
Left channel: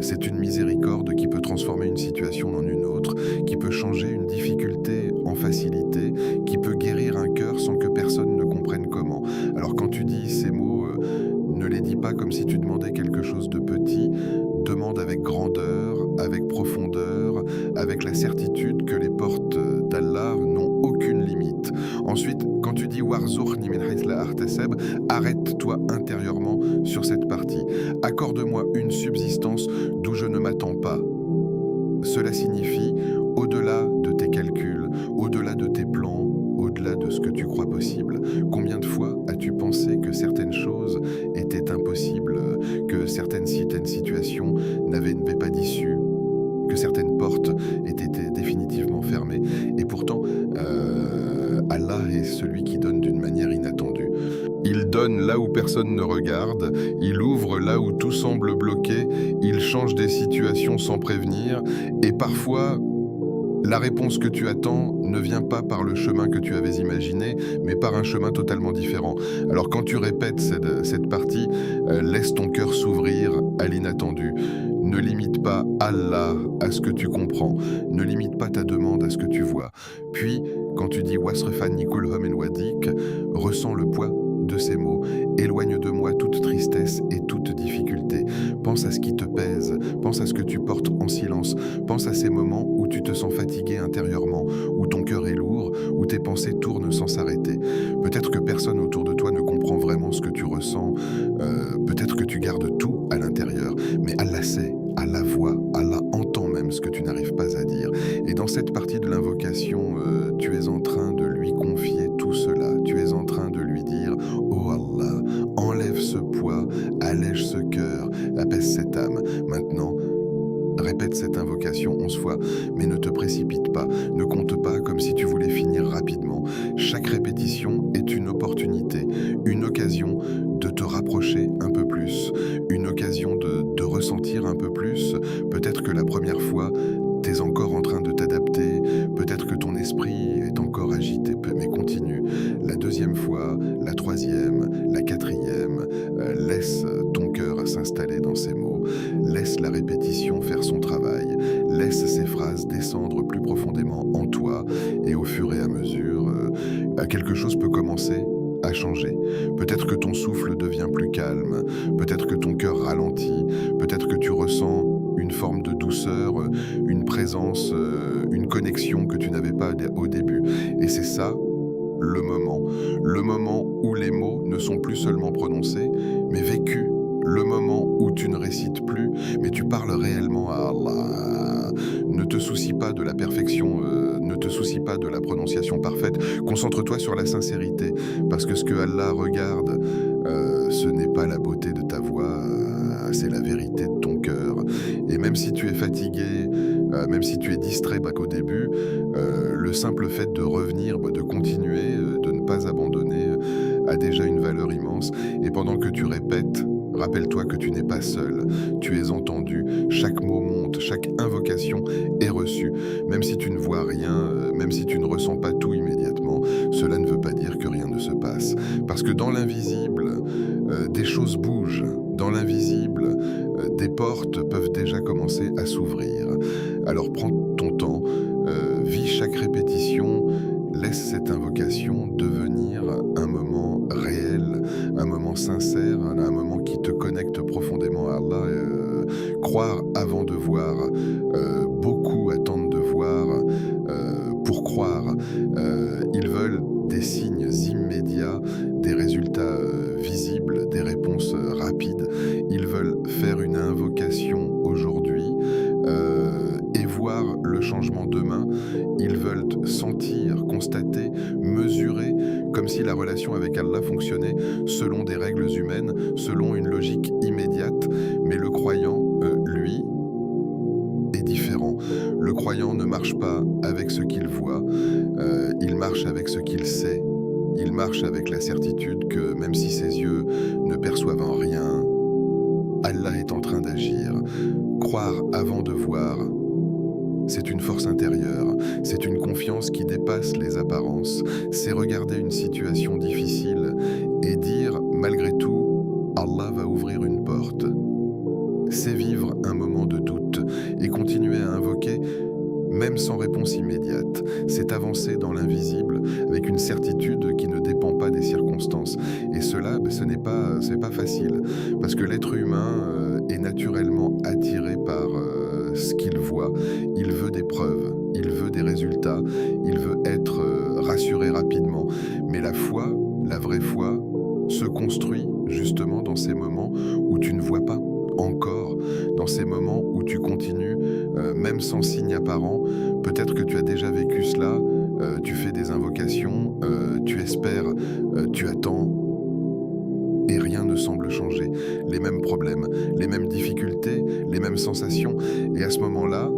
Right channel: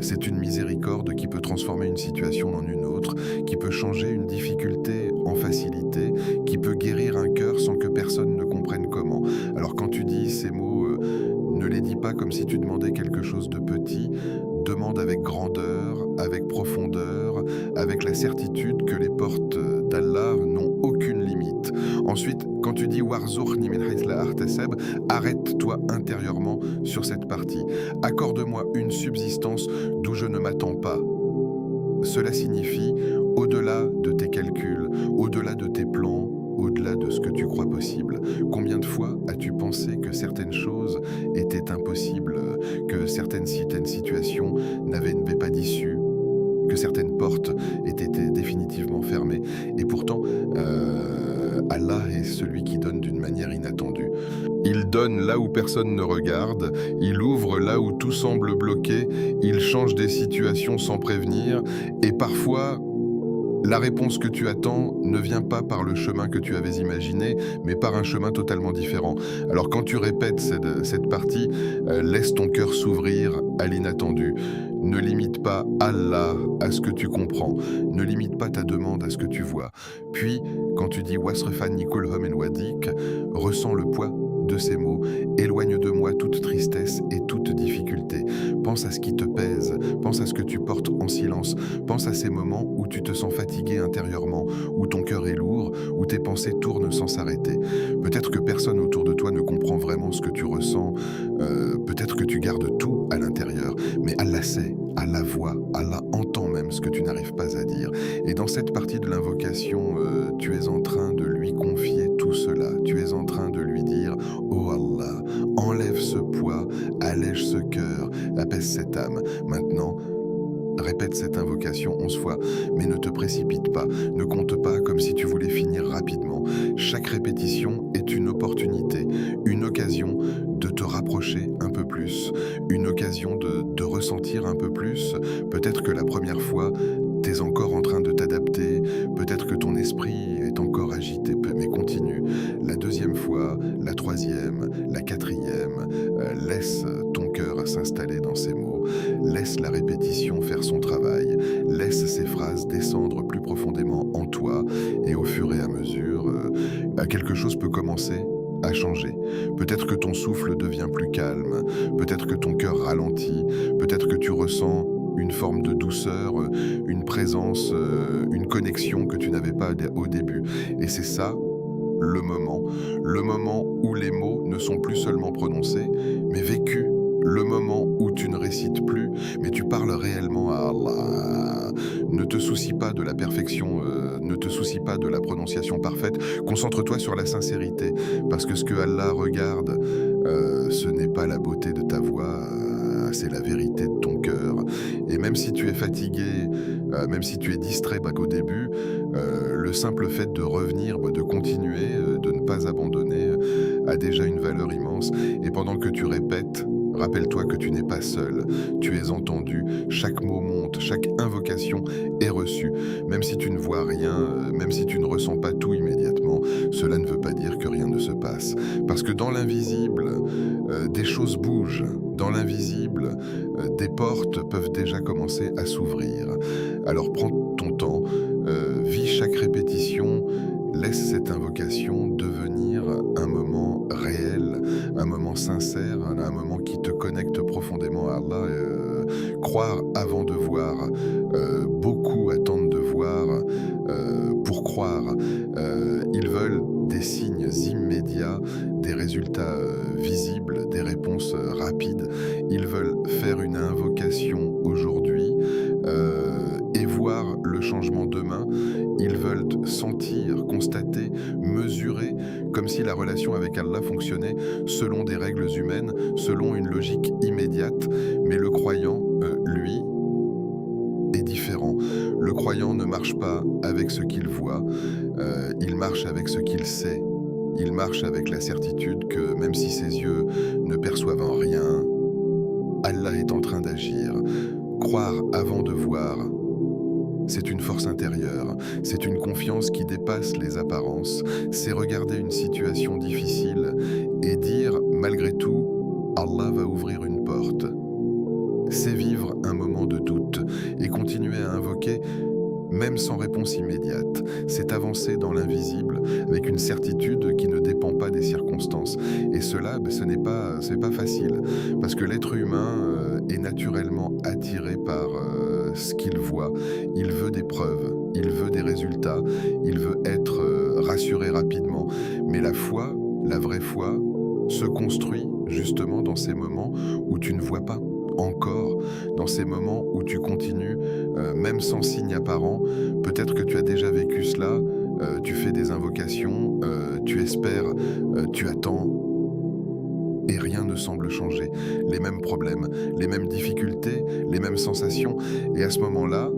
C'est une miséricorde qui peut transformer une situation en une autre, qui peut changer une difficulté en facilité, qui peut guérir un cœur sans que personne ne comprenne comment. Alors quand tu dis ces mots, ne les dis pas pas comme si tu demandais quelque chose de petit, demande avec grandeur, avec profondeur, avec la certitude que les portes d'Allah n'ont aucune limite. Ensuite, quand tu dis Warzuqni min hayth la ahtasab, arrête-toi intérieurement sur cette partie. Accorde-moi une subsistance d'où je ne m'attends pas. Cela signifie, au-delà de tes calculs, au-delà de tes plans, au-delà de ce que tu crois possible. Combien de fois as-tu pensé que certaines choses étaient impossibles, que certaines situations n'avaient pas d'issue, que certaines portes étaient définitivement fermées? Et pourtant, Allah est celui qui donne d'une manière inattendue. Il donne là où personne ne regarde, il ouvre là où tout semble bloqué, il change des situations sans prévenir, et parfois, la réponse que tu attends ne vient pas par le chemin que tu avais imaginé, mais par un chemin totalement différent. Alors quand tu répètes cette partie, laisse ton cœur s'ouvrir à l'inattendu. Ne limite pas Allah à ce que tu comprends. Ne limite pas ta demande à ce que tu vois. Puis, quand tu dis Wasrefan Nikul Hom en Wadik, ressens le poids de ces mots. Éloigne de moi toute tristesse et toute difficulté. Pense à ce qui te pèse, pense à ce que tu portes en silence, pense à ces moments où tu te sens fatigué intérieurement, où ton cœur est lourd, où tes pensées tournent sans s'arrêter. Peut-être que personne autour de toi ne comprend vraiment ce que tu ressens, peut-être que tu gardes tout à l'intérieur, mais Allah sait, Allah voit, Allah entend même ce que tu n'arrives pas à dire. Et dans cette partie de l'invocation, tu es en train de lui confier tout cela, tu es en train de lui dire « Oh Allah, enlève ce poids, allège ce cœur, apaise cette âme. Maintenant, répète cette invocation 11 fois, mais ne te précipite pas, ne compte pas comme si tu voulais finir rapidement. Chaque répétition est une opportunité, une occasion de te rapprocher un peu plus, une occasion de ressentir un peu plus. Peut-être que la première fois, tu es encore en train de t'adapter, peut-être que ton esprit est encore agité, mais continue. La deuxième fois, la troisième, la quatrième, laisse ton cœur s'installer dans ces mots, laisse la répétition faire son travail, laisse ces phrases descendre plus profondément en toi, et au fur et à mesure, quelque chose peut commencer à changer. Peut-être que ton souffle devient plus calme, peut-être que ton cœur ralentit, peut-être que tu ressens une forme de douceur, une présence, une connexion que tu n'avais pas au début. Et c'est ça, le moment où les mots ne sont plus seulement prononcés, mais vécus. Le moment où tu ne récites plus, mais tu parles réellement à Allah. Ne te soucie pas de la perfection, ne te soucie pas de la prononciation parfaite. Concentre-toi sur la sincérité, parce que ce que Allah regarde, ce n'est pas la beauté de ta voix, c'est la vérité de ton cœur. Et même si tu es fatigué, même si tu es distrait qu'au début, le simple fait de revenir, de continuer, de ne pas abandonner, a déjà une valeur immense. Et pendant que tu répètes, rappelle-toi que tu n'es pas seul, tu es entendu, chaque mot monte, chaque invocation est reçue. Même si tu ne vois rien, même si tu ne ressens pas tout immédiatement, cela ne veut pas dire que rien ne se passe. Parce que dans l'invisible, des choses bougent. Dans l'invisible, des portes peuvent déjà commencer à s'ouvrir. Alors prends ton temps, vis chaque répétition, laisse cette invocation devenir un moment réel, un moment sincère, un moment qui te connecte profondément à Allah. Croire avant de voir, beaucoup attendent de voir pour croire. Ils veulent des signes immédiats, des résultats visibles, des réponses rapides. Ils veulent faire une invocation aujourd'hui et voir le changement demain. Ils veulent sentir, constater, mesurer, comme si la relation avec Allah fonctionnait selon des règles humaines, selon une logique immédiate. Mais le croyant, lui, est différent. Le croyant ne marche pas avec ce qu'il voit, il marche avec ce qu'il sait. Il marche avec la certitude que même si ses yeux ne perçoivent rien, Allah est en train d'agir. Croire avant de voir, c'est une force intérieure, c'est une confiance qui dépasse les apparences, c'est regarder une situation difficile et dire malgré tout, Allah va ouvrir une porte. C'est vivre un moment de doute et continuer à invoquer même sans réponse immédiate. C'est avancer dans l'invisible avec une certitude qui ne dépend pas des circonstances. Et cela, c'est pas facile, parce que l'être humain est naturellement attiré par ce qu'il voit. Il veut des preuves, il veut des résultats, il veut être rassuré rapidement. Mais la foi, la vraie foi, se construit justement dans ces moments où tu ne vois pas encore, dans ces moments où tu continues, même sans signe apparent. Peut-être que tu as déjà vécu cela, tu fais des invocations, tu espères, tu attends, et rien ne semble changer. Les mêmes problèmes, les mêmes difficultés, les mêmes sensations. Et à ce moment-là,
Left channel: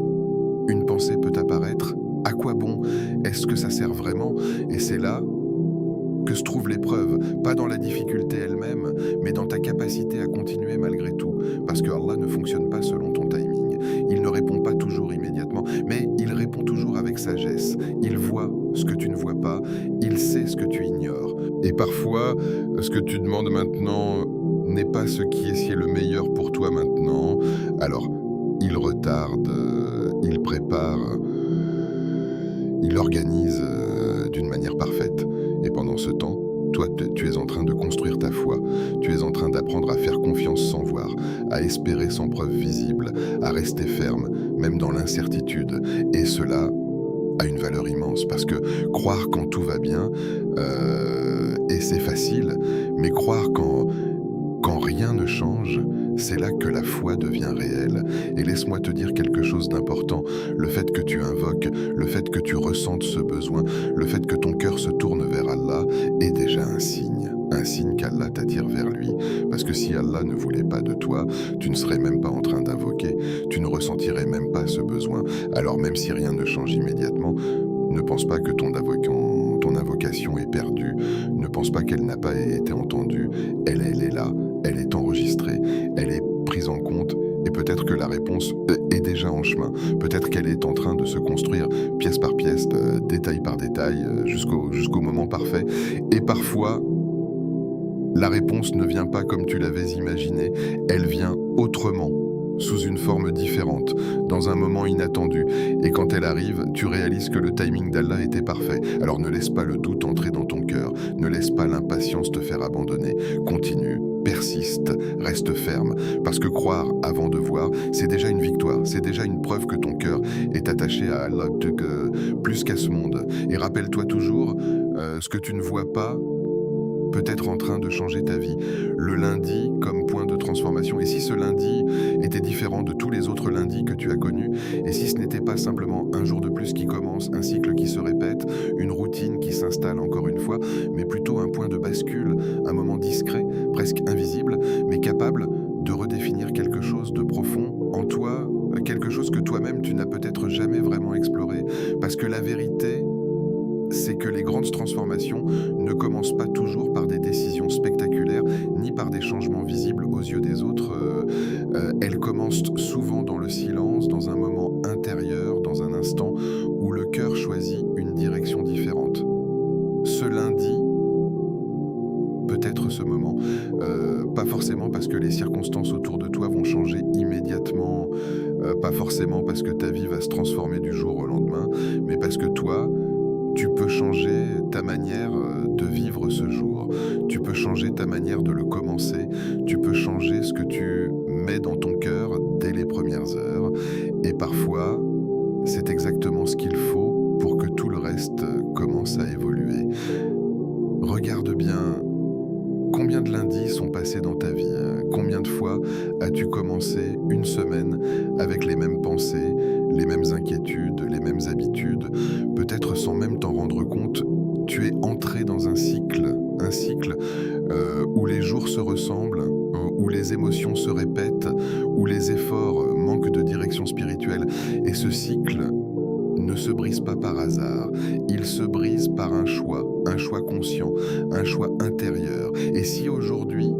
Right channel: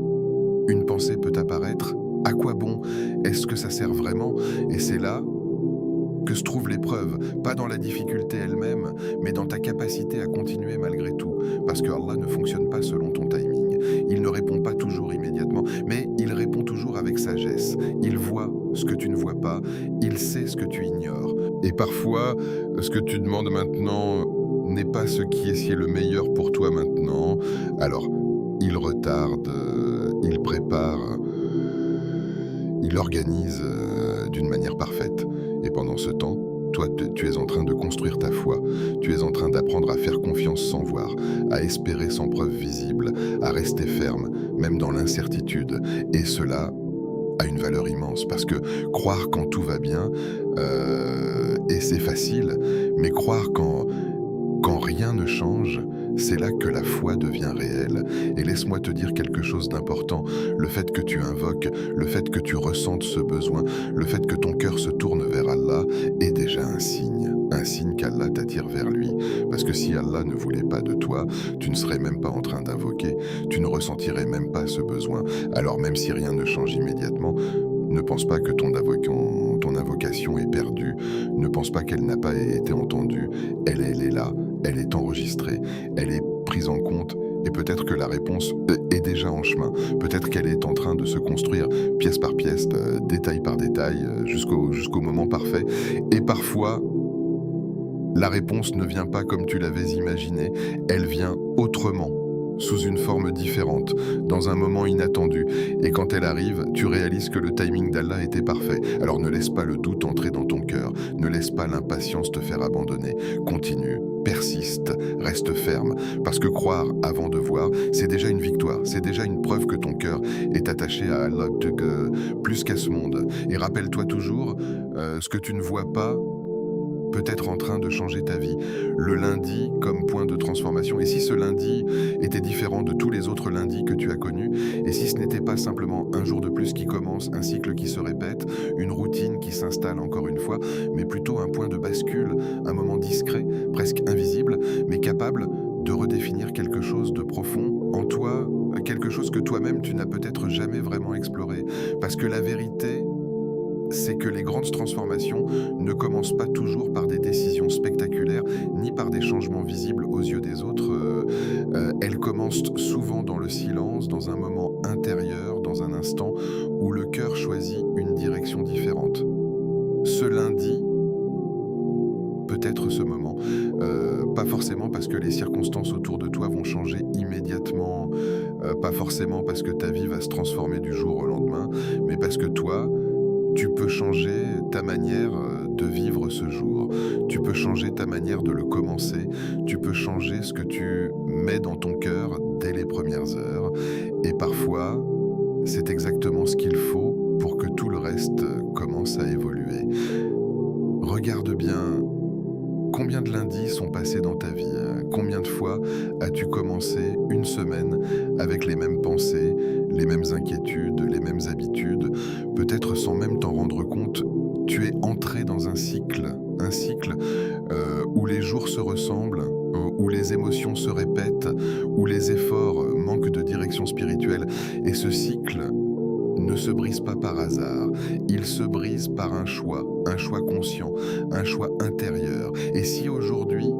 une pensée peut apparaître. À quoi bon? Est-ce que ça sert vraiment? Et c'est là que se trouve l'épreuve, pas dans la difficulté elle-même, mais dans ta capacité à continuer malgré tout. Parce que Allah ne fonctionne pas selon ton timing. Il ne répond pas toujours immédiatement, mais il répond toujours avec sagesse. Il voit ce que tu ne vois pas, il sait ce que tu ignores. Et parfois, ce que tu demandes maintenant n'est pas ce qui est le meilleur pour toi maintenant. Alors, il retarde, il prépare, il organise d'une manière parfaite. Et pendant ce temps, toi, tu es en train de construire ta foi. Tu es en train d'apprendre à faire confiance sans voir, à espérer sans preuve visible, à rester ferme, même dans l'incertitude. Et cela a une valeur immense, parce que croire quand tout va bien, et c'est facile, mais croire quand rien ne change, c'est là que la foi devient réelle. Et laisse-moi te dire quelque chose d'important. Le fait que tu invoques, le fait que tu ressentes ce besoin, le fait que ton cœur se tourne vers Allah est déjà un signe qu'Allah t'attire vers lui. Parce que si Allah ne voulait pas de toi, tu ne serais même pas en train d'invoquer, tu ne ressentirais même pas ce besoin. Alors même si rien ne change immédiatement, ne pense pas que ton invocation est perdue, ne pense pas qu'elle n'a pas été entendue, elle est là. Elle est enregistrée, elle est prise en compte, et peut-être que la réponse est déjà en chemin. Peut-être qu'elle est en train de se construire pièce par pièce, détail par détail, jusqu'au moment parfait. Et parfois, la réponse ne vient pas comme tu l'avais imaginé, elle vient autrement, sous une forme différente, dans un moment inattendu. Et quand elle arrive, tu réalises que le timing d'Allah était parfait. Alors ne laisse pas le doute entrer dans ton cœur, ne laisse pas l'impatience te faire abandonner. Continue, persiste, reste ferme. Parce que croire avant de voir, c'est déjà une victoire, c'est déjà une preuve que ton cœur est attaché à Allah plus qu'à ce monde. Et rappelle-toi toujours, ce que tu ne vois pas peut être en train de changer ta vie. Le lundi comme point de transformation. Et si ce lundi était différent de tous les autres lundis que tu as connus, et si ce n'était pas simplement un jour de plus qui commence, un cycle qui se répète, une routine qui s'installe encore une fois, mais plutôt un point de bascule, un moment discret, presque invisible, mais capable de redéfinir quelque chose de profond en toi, quelque chose que toi-même tu n'as peut-être jamais vraiment exploré. Parce que la vérité, c'est que les grandes transformations ne commencent pas toujours par des décisions spectaculaires, ni par des changements visibles aux yeux des autres. Elles commencent souvent dans le silence, dans un moment intérieur, dans un instant où le cœur choisit une direction différente. Ce lundi peut être ce moment. Pas forcément parce que les circonstances autour de toi vont changer immédiatement, pas forcément parce que ta vie va se transformer du jour au lendemain, mais parce que toi, tu peux changer ta manière de vivre ce jour. Tu peux changer ta manière de le commencer. Tu peux changer ce que tu mets dans ton cœur dès les premières heures. Et parfois, c'est exactement ce qu'il faut pour que tout le reste commence à évoluer. Regarde bien combien de lundis sont passés dans ta vie. Combien de fois as-tu commencé une semaine avec les mêmes pensées, les mêmes inquiétudes, les mêmes habitudes? Peut-être sans même t'en rendre compte, tu es entré dans un cycle où les jours se ressemblent, où les émotions se répètent, où les efforts manquent de direction spirituelle. Et ce cycle ne se brise pas par hasard, il se brise par un choix conscient, un choix intérieur. Et si aujourd'hui,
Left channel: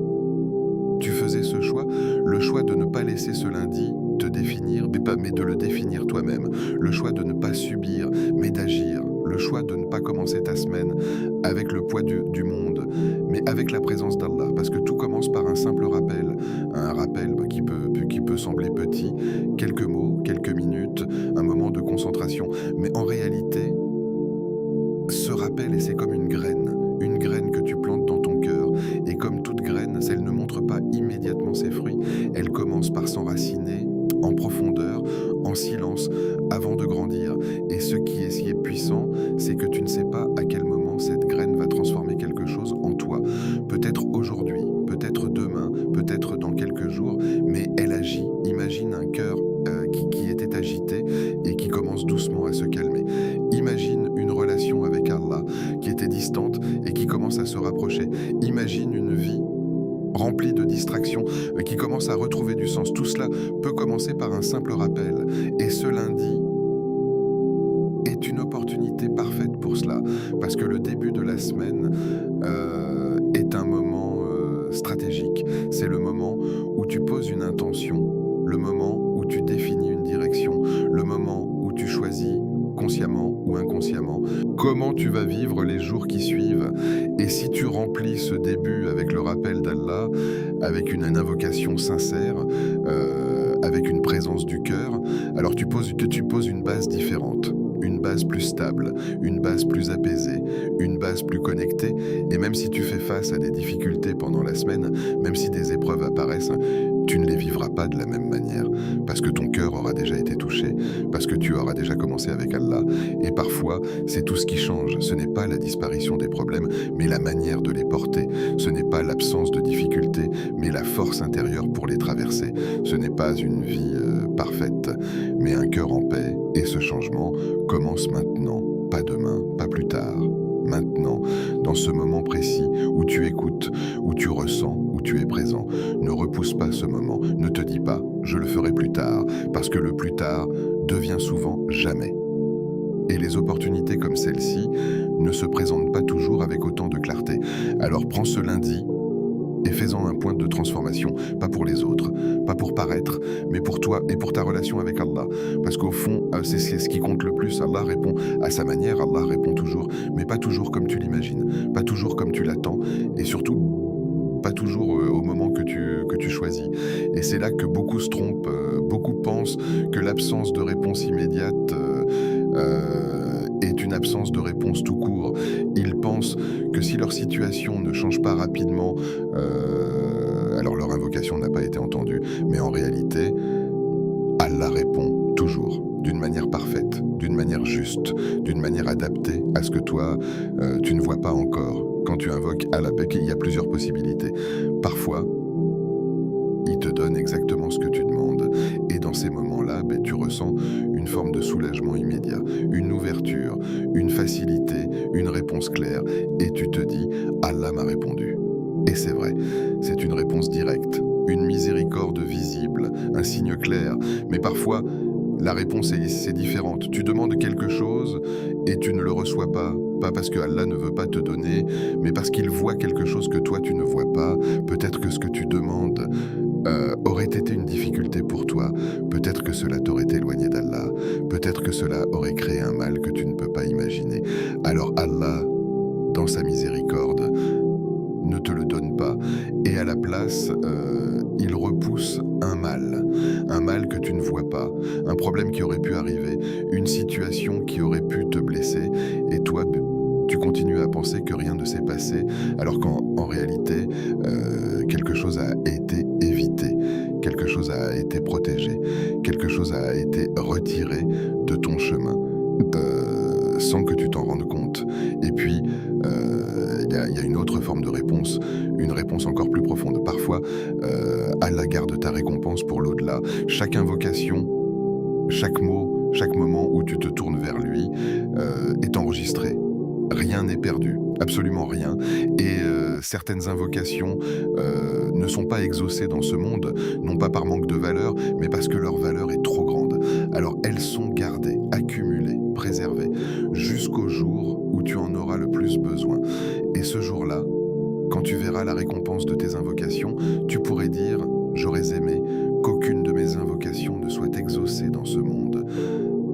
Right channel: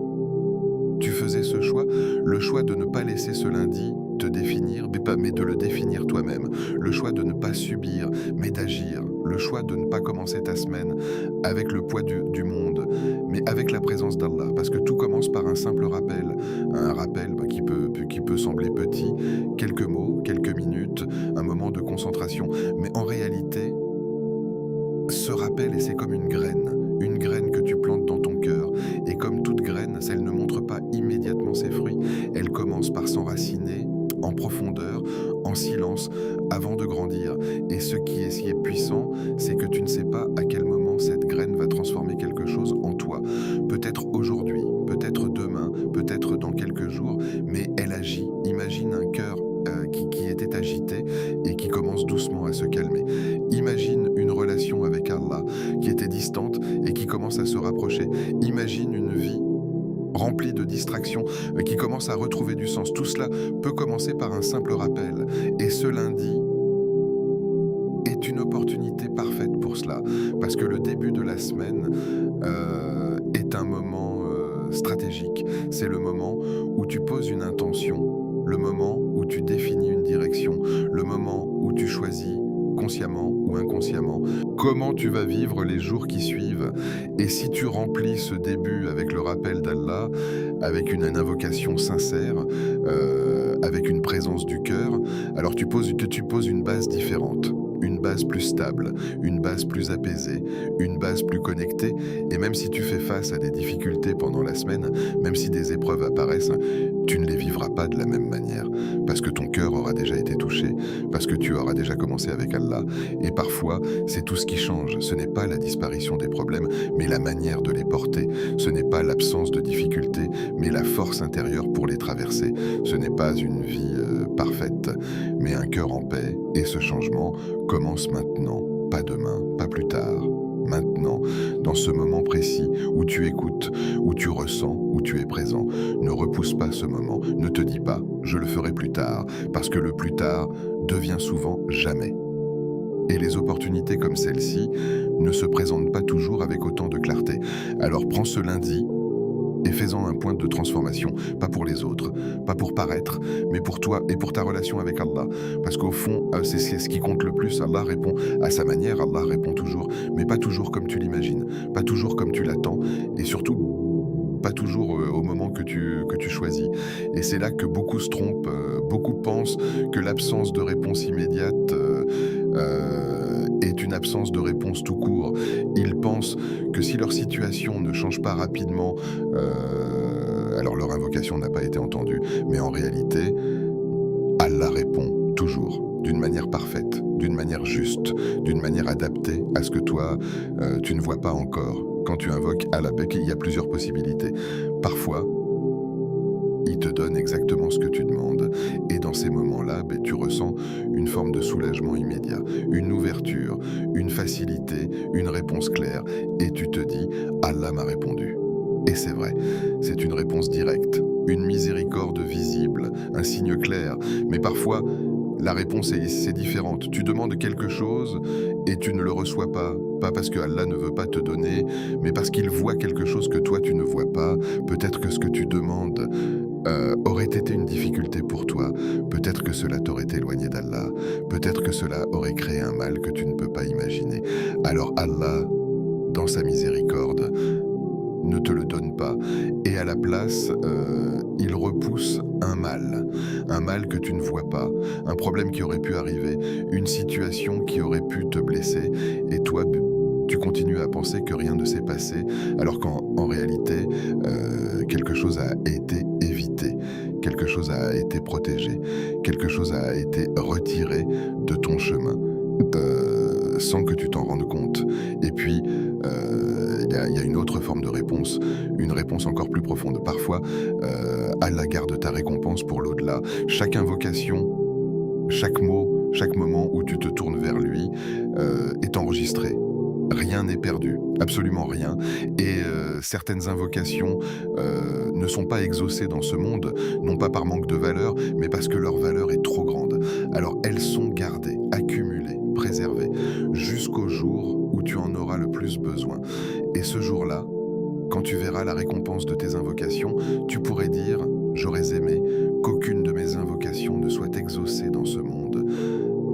tu faisais ce choix, le choix de ne pas laisser ce lundi te définir, mais de le définir toi-même, le choix de ne pas subir, mais d'agir, le choix de ne pas commencer ta semaine avec le poids du monde, mais avec la présence d'Allah, parce que tout commence par un simple rappel, un rappel qui peut peut sembler petit, quelques mots, quelques minutes, un moment de concentration. Mais en réalité, ce rappel, et c'est comme une graine que tu plantes dans ton cœur. Et comme toute graine, elle ne montre pas immédiatement ses fruits. Elle commence par s'enraciner en profondeur, en silence, avant de grandir. Et ce qui est si puissant, c'est que tu ne sais pas à quel moment cette graine va transformer quelque chose en toi. Peut-être aujourd'hui, peut-être demain, peut-être dans quelques jours, mais elle agit. Imagine un cœur qui était agité et qui commence doucement à se calmer. Imagine une relation avec Allah qui était distante et qui commence à se rapprocher. Imagine une vie remplie de distractions qui commence à retrouver du sens. Tout cela peut commencer par un simple rappel. Et ce lundi est une opportunité parfaite pour cela, parce que le début de la semaine est un moment stratégique. C'est le moment où tu poses une intention, le moment où tu définis une direction, le moment où tu choisis consciemment ou inconsciemment comment tu vas vivre les jours qui suivent. Et si tu remplis ce début avec le rappel d'Allah, avec une invocation sincère, avec une présence du cœur, alors tu poses une base différente. Une base plus stable, une base plus apaisée, une base plus connectée. Et même si tu fais face à des difficultés pendant la semaine, même si des épreuves apparaissent, tu ne les vivras pas de la même manière, parce que ton cœur aura déjà été touché, parce que tu auras déjà commencé avec Allah. Et parfois, c'est tout ce qui change. Ce n'est pas la disparition des problèmes, mais la manière de les porter. Ce n'est pas l'absence de difficultés, mais la force intérieure pour les traverser. Ce n'est pas une vie parfaite, mais un cœur en paix. Et ce changement commence maintenant, pas demain, pas plus tard. Maintenant, dans ce moment précis où tu écoutes, où tu ressens, où tu es présent. Ne repousse pas ce moment. Ne te dis pas « je le ferai plus tard », parce que le plus tard devient souvent jamais. Et les opportunités comme celle-ci ne se présentent pas toujours avec autant de clarté. Alors prends ce lundi et fais-en un point de transformation, pas pour les autres, pas pour paraître, mais pour toi et pour ta relation avec Allah. Parce qu'au fond, c'est ce qui compte le plus. Allah répond à sa manière, Allah répond toujours, mais pas toujours comme tu l'imagines, pas toujours comme tu l'attends, et surtout pas toujours au moment que tu choisis. Et c'est là que beaucoup se trompent, beaucoup pensent que l'absence de réponse immédiate est une absence de réponse tout court. Ils pensent que si leur situation ne change pas rapidement, alors leur invocation n'a pas été entendue. Mais en réalité, Allah répond toujours, d'une manière parfaite, d'une manière juste, d'une manière adaptée à ce que toi, tu ne vois pas encore. Quand tu invoques Allah, il y a plusieurs possibilités. Parfois, il te donne exactement ce que tu demandes. Et dans ces moments-là, tu ressens une forme de soulagement immédiat, une ouverture, une facilité, une réponse claire. Et tu te dis, Allah m'a répondu. Et c'est vrai, c'est une réponse directe, une miséricorde visible, un signe clair. Mais parfois, la réponse c'est différente. Tu demandes quelque chose et tu ne le reçois pas. Pas parce que Allah ne veut pas te donner, mais parce qu'il voit quelque chose que toi tu ne vois pas. Peut-être que ce que tu demandes aurait été une difficulté pour toi. Peut-être que cela t'aurait éloigné d'Allah. Peut-être que cela aurait créé un mal que tu ne peux pas imaginer. Alors Allah, dans sa miséricorde, ne te le donne pas. Et à la place, il repousse un mal que tu ne vois pas, un problème qui aurait pu arriver, une situation qui aurait pu te blesser, et toi, tu continues à penser que rien ne s'est passé, alors qu'en réalité, quelque chose a été évité, quelque chose a été protégé, quelque chose a été retiré de ton chemin, sans que tu t'en rendes compte. Et puis, il y a une autre forme de réponse, une réponse encore plus profonde. Parfois, Allah garde ta récompense pour l'au-delà. Chaque invocation, chaque mot, chaque moment où tu te tournes vers lui est enregistré. Rien n'est perdu, absolument rien. Et certaines invocations ne sont pas exaucées dans ce monde, non pas par manque de valeur, mais parce que leur valeur est trop grande. Alors elles sont gardées, accumulées, préservées, jusqu'au jour où tu en auras le plus besoin. Et ce jour-là, quand tu verras la récompense de tes invocations, tu pourrais dire « J'aurais aimé qu'aucune de mes invocations ne soit exaucée dans ce monde ».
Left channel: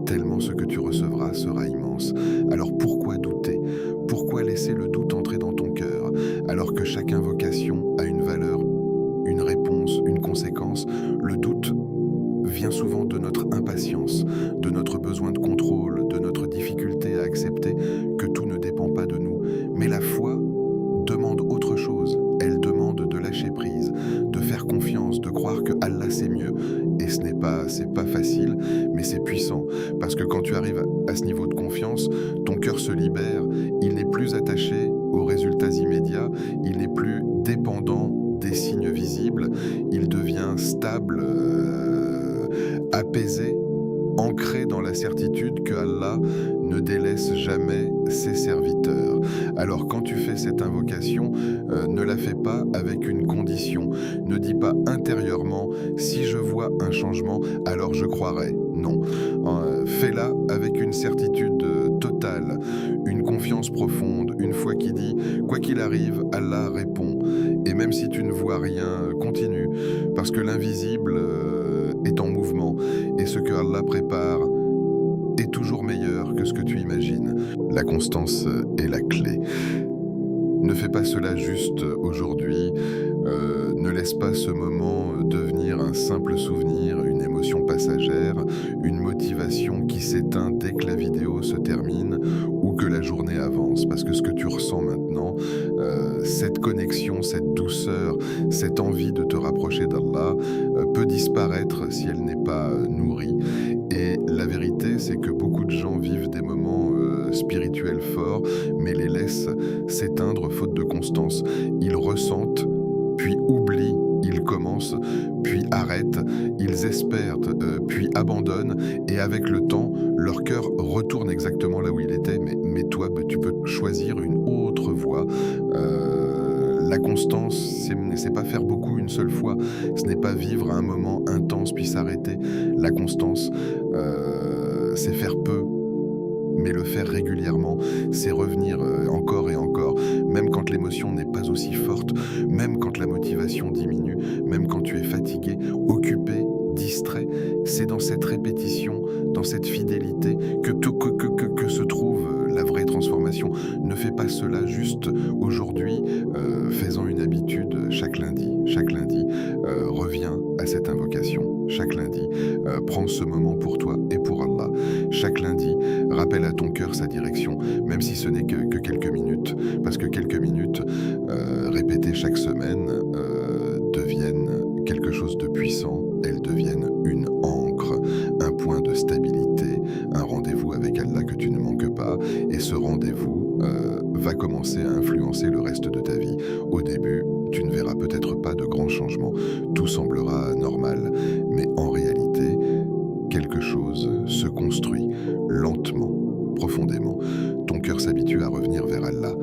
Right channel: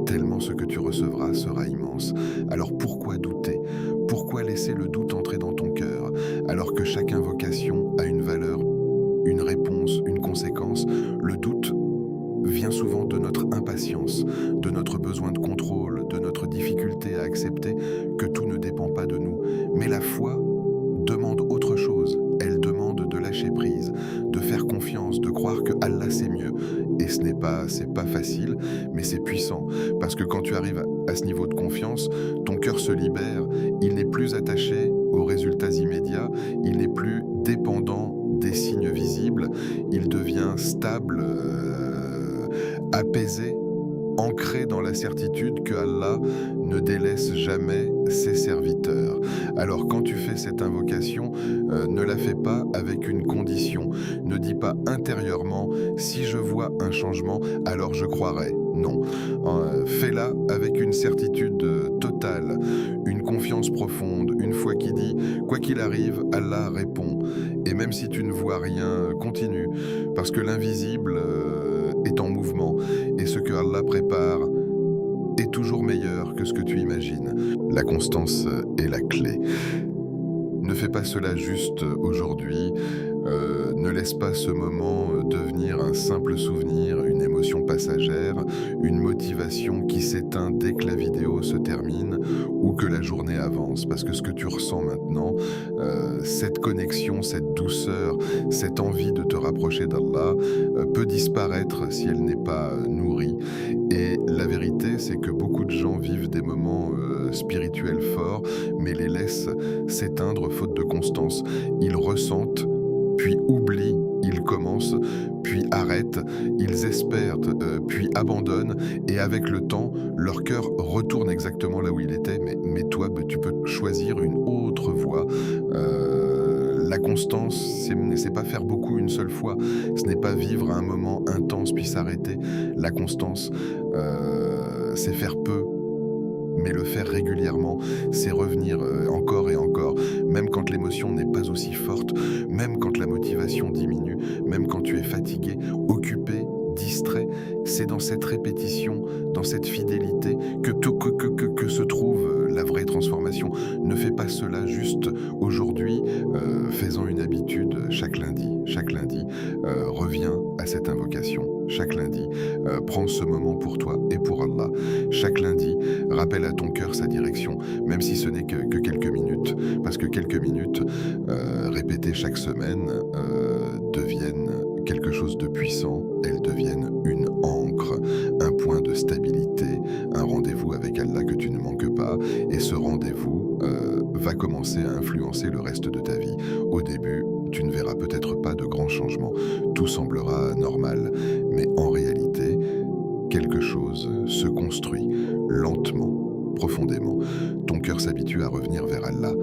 Tellement ce que tu recevras sera immense. Alors pourquoi douter? Pourquoi laisser le doute entrer dans ton cœur, alors que chaque invocation a une valeur, une réponse, une conséquence? Le doute vient souvent de notre impatience, de notre besoin de contrôle, de notre difficulté à accepter que tout ne dépend pas de nous. Mais la foi demande autre chose. Elle demande de lâcher prise, de faire confiance, de croire que Allah sait mieux. Et c'est pas facile, mais c'est puissant. Parce que quand tu arrives à ce niveau de confiance, ton cœur se libère. Il n'est plus attaché aux résultats immédiats. Il n'est plus dépendant des signes visibles. Il devient stable, apaisé, ancré dans la certitude que Allah ne délaisse jamais ses serviteurs. Alors quand tu fais cette invocation, ne la fais pas avec une condition. Ne dis pas intérieurement « si je vois un changement, alors je croirai ». Non. Fais-la avec une certitude totale, une confiance profonde, une foi qui dit « quoi qu'il arrive, Allah répond ». Et même si tu ne vois rien, continue, parce que l'invisible est en mouvement, et ce que Allah prépare est toujours meilleur que ce que tu imagines. La constance est la clé. Ne fais pas cela juste aujourd'hui, ne laisse pas ce moment devenir un simple souvenir, une émotion passagère, une motivation qui s'éteint dès que la vidéo se termine ou que la journée avance. Parce que ce que tu ressens maintenant, cette connexion, cette douceur, cette envie de te rapprocher d'Allah peut disparaître si elle n'est pas nourrie. Et la vérité, c'est que beaucoup de gens vivent des moments spirituels forts, mais les laissent s'éteindre faute de constance. Ils ressentent, puis oublient, ils commencent, puis arrêtent, ils espèrent, puis abandonnent, et avec le temps, leur cœur retourne exactement là où il était, mais toi, tu peux choisir une autre voie. La constance, c'est pas faire beaucoup une seule fois, ce n'est pas vivre un moment intense puis s'arrêter. La constance, c'est faire peu, mais le faire régulièrement, c'est revenir encore et encore, même quand l'émotion n'est pas aussi forte, même quand la motivation diminue, même quand tu es fatigué, occupé, distrait. C'est dans cette répétition, dans cette fidélité que se trouve la vraie transformation. Ne fais pas cela juste aujourd'hui, faisant une habitude chaque lundi. Chaque lundi, reviens à cette invocation. Chaque lundi, prends ce moment pour toi et pour Allah. Chaque lundi, rappelle à ton cœur sa direction, même si ce n'est que quelques minutes. Parce que quelques minutes, répétées chaque semaine, deviennent quelque chose de puissant. Elles deviennent une ancre, un point de stabilité, un rendez-vous avec Allah que tu ne manques pas. Et ce rendez-vous va commencer à influencer le reste de ta vie. Au début, tu ne verras peut-être pas de grands changements. Tout semblera normal. Mais en réalité, quelque chose se construit lentement, profondément. Ton cœur s'habitue à revenir vers Allah.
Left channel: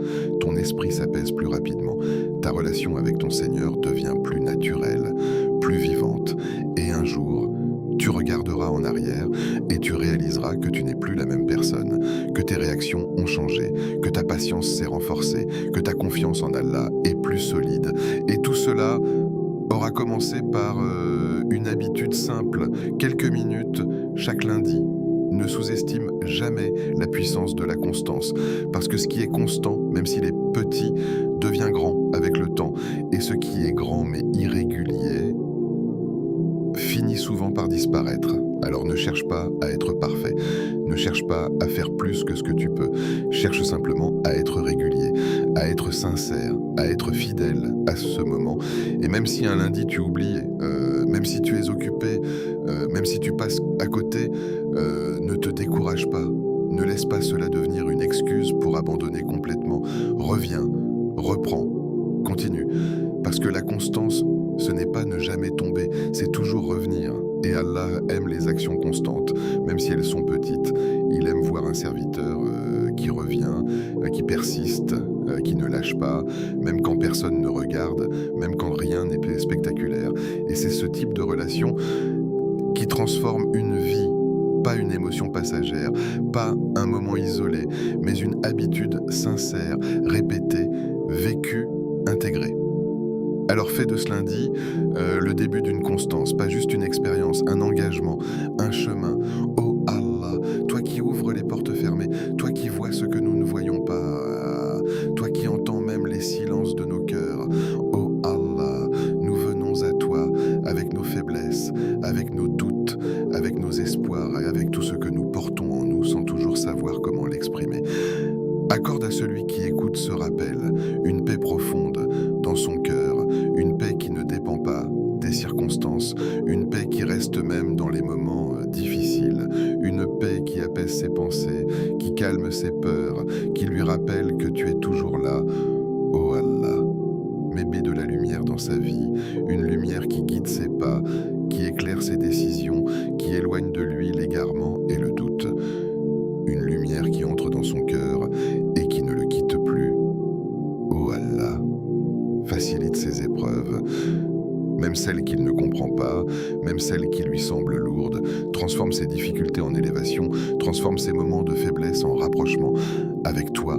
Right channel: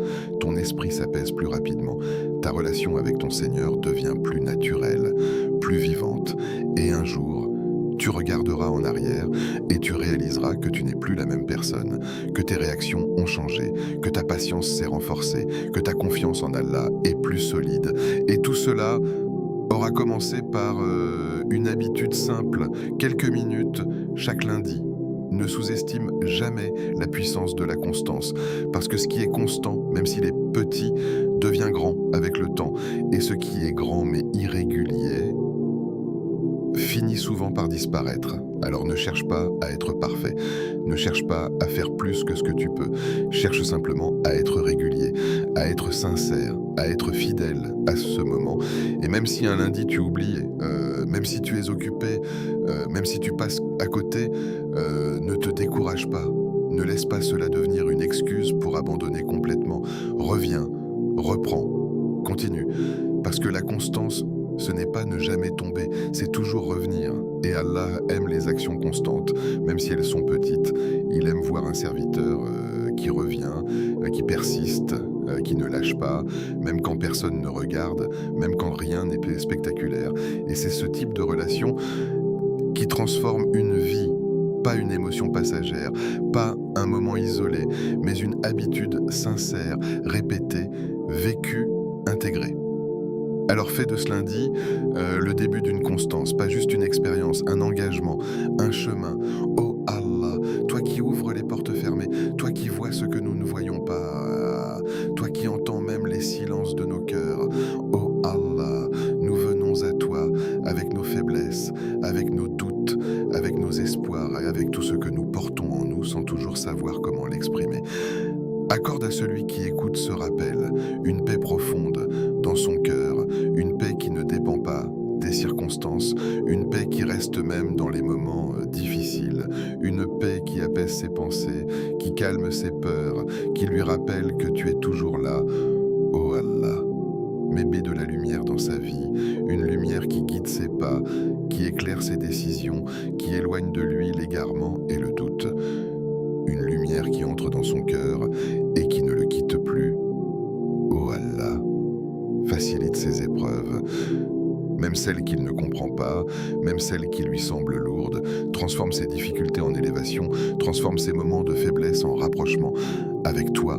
Ton esprit s'apaise plus rapidement. Ta relation avec ton Seigneur devient plus naturelle, plus vivante. Et un jour, tu regarderas en arrière et tu réaliseras que tu n'es plus la même personne, que tes réactions ont changé, que ta patience s'est renforcée, que ta confiance en Allah est plus solide. Et tout cela aura commencé par une habitude simple, quelques minutes chaque lundi. Ne sous-estime jamais la puissance de la constance, parce que ce qui est constant, même s'il est petit, devient grand avec le temps. Et ce qui est grand mais irrégulier finit souvent par disparaître. Alors ne cherche pas à être parfait, ne cherche pas à faire plus que ce que tu peux, cherche simplement à être régulier, à être sincère, à être fidèle à ce moment. Et même si un lundi tu oublies, même si tu es occupé, même si tu passes à côté, ne te décourage pas, ne laisse pas cela devenir une excuse pour abandonner complètement. Reviens, reprends, continue, parce que la constance, ce n'est pas ne jamais tomber, c'est toujours revenir. Et Allah aime les actions constantes, même si elles sont petites. Il aime voir un serviteur qui revient, qui persiste, qui ne lâche pas, même quand personne ne regarde, même quand rien n'est spectaculaire. Et c'est ce type de relation qui transforme une vie, pas une émotion passagère, pas un moment isolé, mais une habitude sincère, répétée, vécue, intégrée. Alors fais de ce lundi le début d'une constance, pas juste une expérience, un engagement, un chemin. Oh Allah, toi qui ouvres les portes fermées, toi qui vois ce que nous ne voyons pas, toi qui entends même les silences de nos cœurs. Oh Allah, nous venons à toi avec nos faiblesses, avec nos doutes, avec nos espoirs et avec tout ce que nous portons en nous sans toujours savoir comment l'exprimer. Accorde à celui qui écoute ce rappel une paix profonde dans son cœur, une paix qui ne dépend pas des circonstances, une paix qui reste même dans les moments difficiles, une paix qui apaise ses pensées, qui calme ses peurs, qui lui rappelle que tu es toujours là. Oh Allah, mets de la lumière dans sa vie, une lumière qui guide ses pas, qui éclaire ses décisions, qui éloigne de lui l'égarement et le doute. Une lumière qui entre dans son cœur et qui ne le quitte plus. Oh Allah, facilite ses épreuves, même celles qu'il ne comprend pas, même celles qui lui semblent lourdes, transforme ses difficultés en élévation, transforme ses moments de faiblesse en rapprochement avec toi.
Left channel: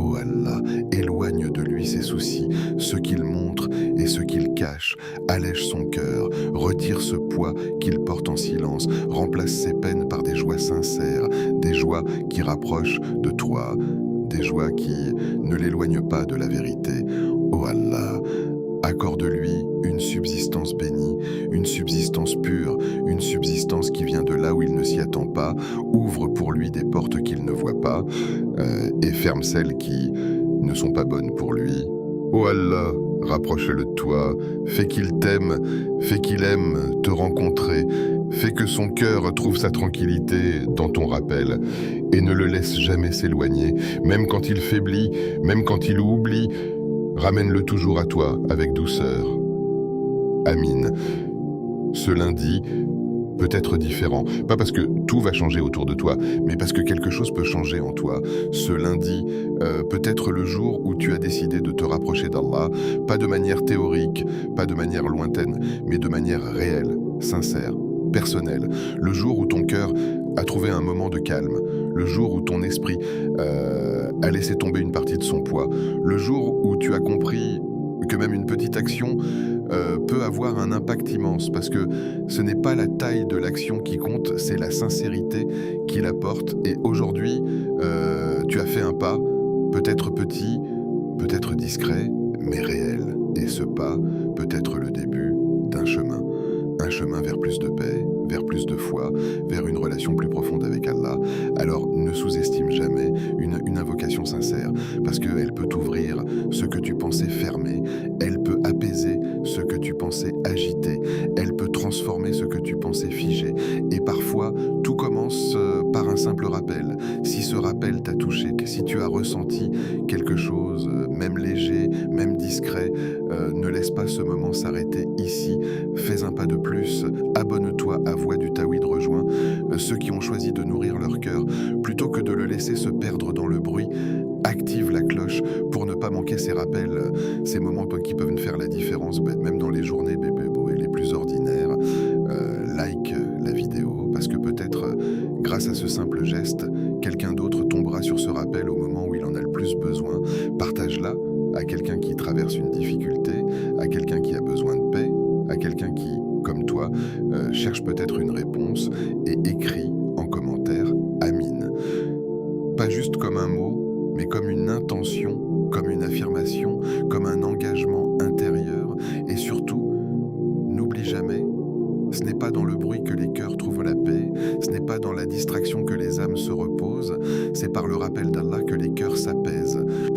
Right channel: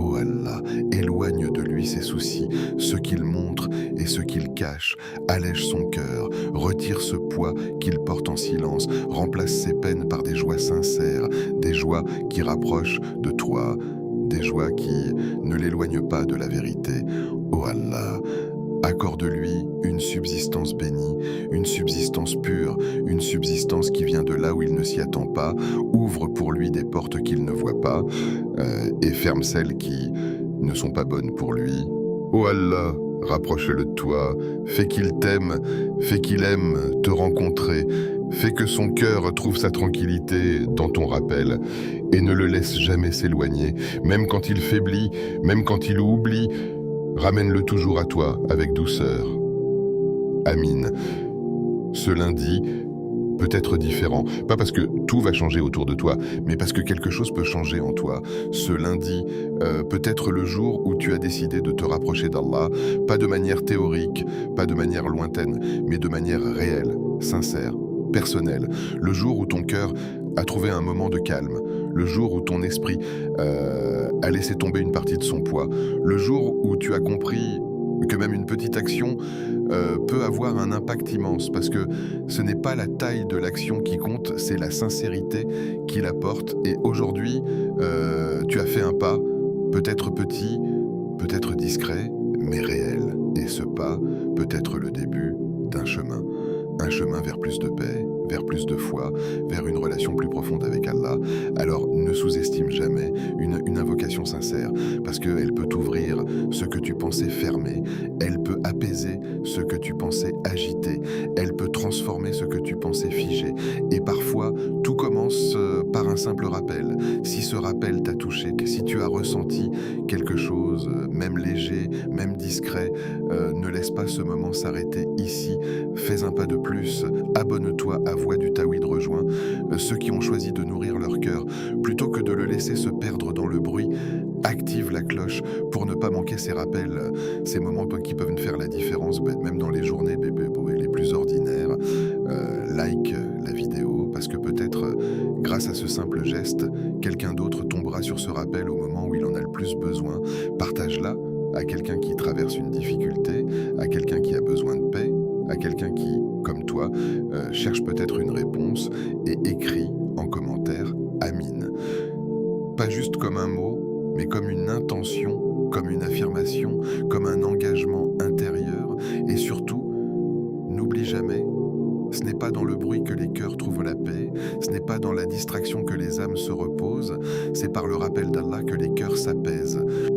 Oh Allah, éloigne de lui ses soucis, ceux qu'il montre et ceux qu'il cache, allège son cœur, retire ce poids qu'il porte en silence, remplace ses peines par des joies sincères, des joies qui rapprochent de toi, des joies qui ne l'éloignent pas de la vérité. Oh Allah, accorde-lui une subsistance bénie, une subsistance pure, une subsistance qui vient de là où il ne s'y attend pas, ouvre pour lui des portes qu'il ne voit pas et ferme celles qui ne sont pas bonnes pour lui. Oh Allah, rapproche-le de toi, fais qu'il t'aime, fais qu'il aime te rencontrer, fais que son cœur trouve sa tranquillité dans ton rappel et ne le laisse jamais s'éloigner, même quand il faiblit, même quand il oublie. Ramène-le toujours à toi avec douceur. Amine. Ce lundi peut être différent, pas parce que tout va changer autour de toi, mais parce que quelque chose peut changer en toi. Ce lundi peut être le jour où tu as décidé de te rapprocher d'Allah, pas de manière théorique, pas de manière lointaine, mais de manière réelle, sincère, personnelle. Le jour où ton cœur a trouvé un moment de calme, le jour où ton esprit a laissé tomber une partie de son poids, le jour où tu as compris que même une petite action peut avoir un impact immense, parce que ce n'est pas la taille de l'action qui compte, c'est la sincérité qui la porte. Et aujourd'hui, tu as fait un pas, peut-être petit, peut-être discret, mais réel. Et ce pas peut être le début d'un chemin. Un chemin vers plus de paix, vers plus de foi, vers une relation plus profonde avec Allah. Alors ne sous-estime jamais une invocation sincère, parce qu'elle peut ouvrir ce que tu pensais fermé, elle peut apaiser ce que tu pensais agité, elle peut transformer ce que tu pensais figé. Et parfois, tout commence par un simple rappel. Si ce rappel t'a touché, si tu as ressenti quelque chose, même léger, même discret, ne laisse pas ce moment s'arrêter ici. Fais un pas de plus, abonne-toi à Voix du Tawhid rejoint ceux qui ont choisi de nourrir leur cœur. Plutôt que de le laisser se perdre dans le bruit, active la cloche pour ne pas manquer ces rappels, ces moments qui peuvent faire la différence, même dans les journées les plus ordinaires. Like la vidéo, parce que peut-être grâce à ce simple geste, quelqu'un d'autre tombera sur ce rappel au moment où il en a le plus besoin. Partage-la à quelqu'un qui traverse une difficulté, à quelqu'un qui a besoin de paix, à quelqu'un qui, comme toi, cherche peut-être une réponse, et écrit en commentaire « Amine ». Pas juste comme un mot, mais comme une intention, comme une affirmation, comme un engagement intérieur. Et surtout, n'oublie jamais, ce n'est pas dans le bruit que les cœurs trouvent la paix, ce n'est pas dans la distraction que les âmes se reposent, c'est par le rappel d'Allah que les cœurs s'apaisent.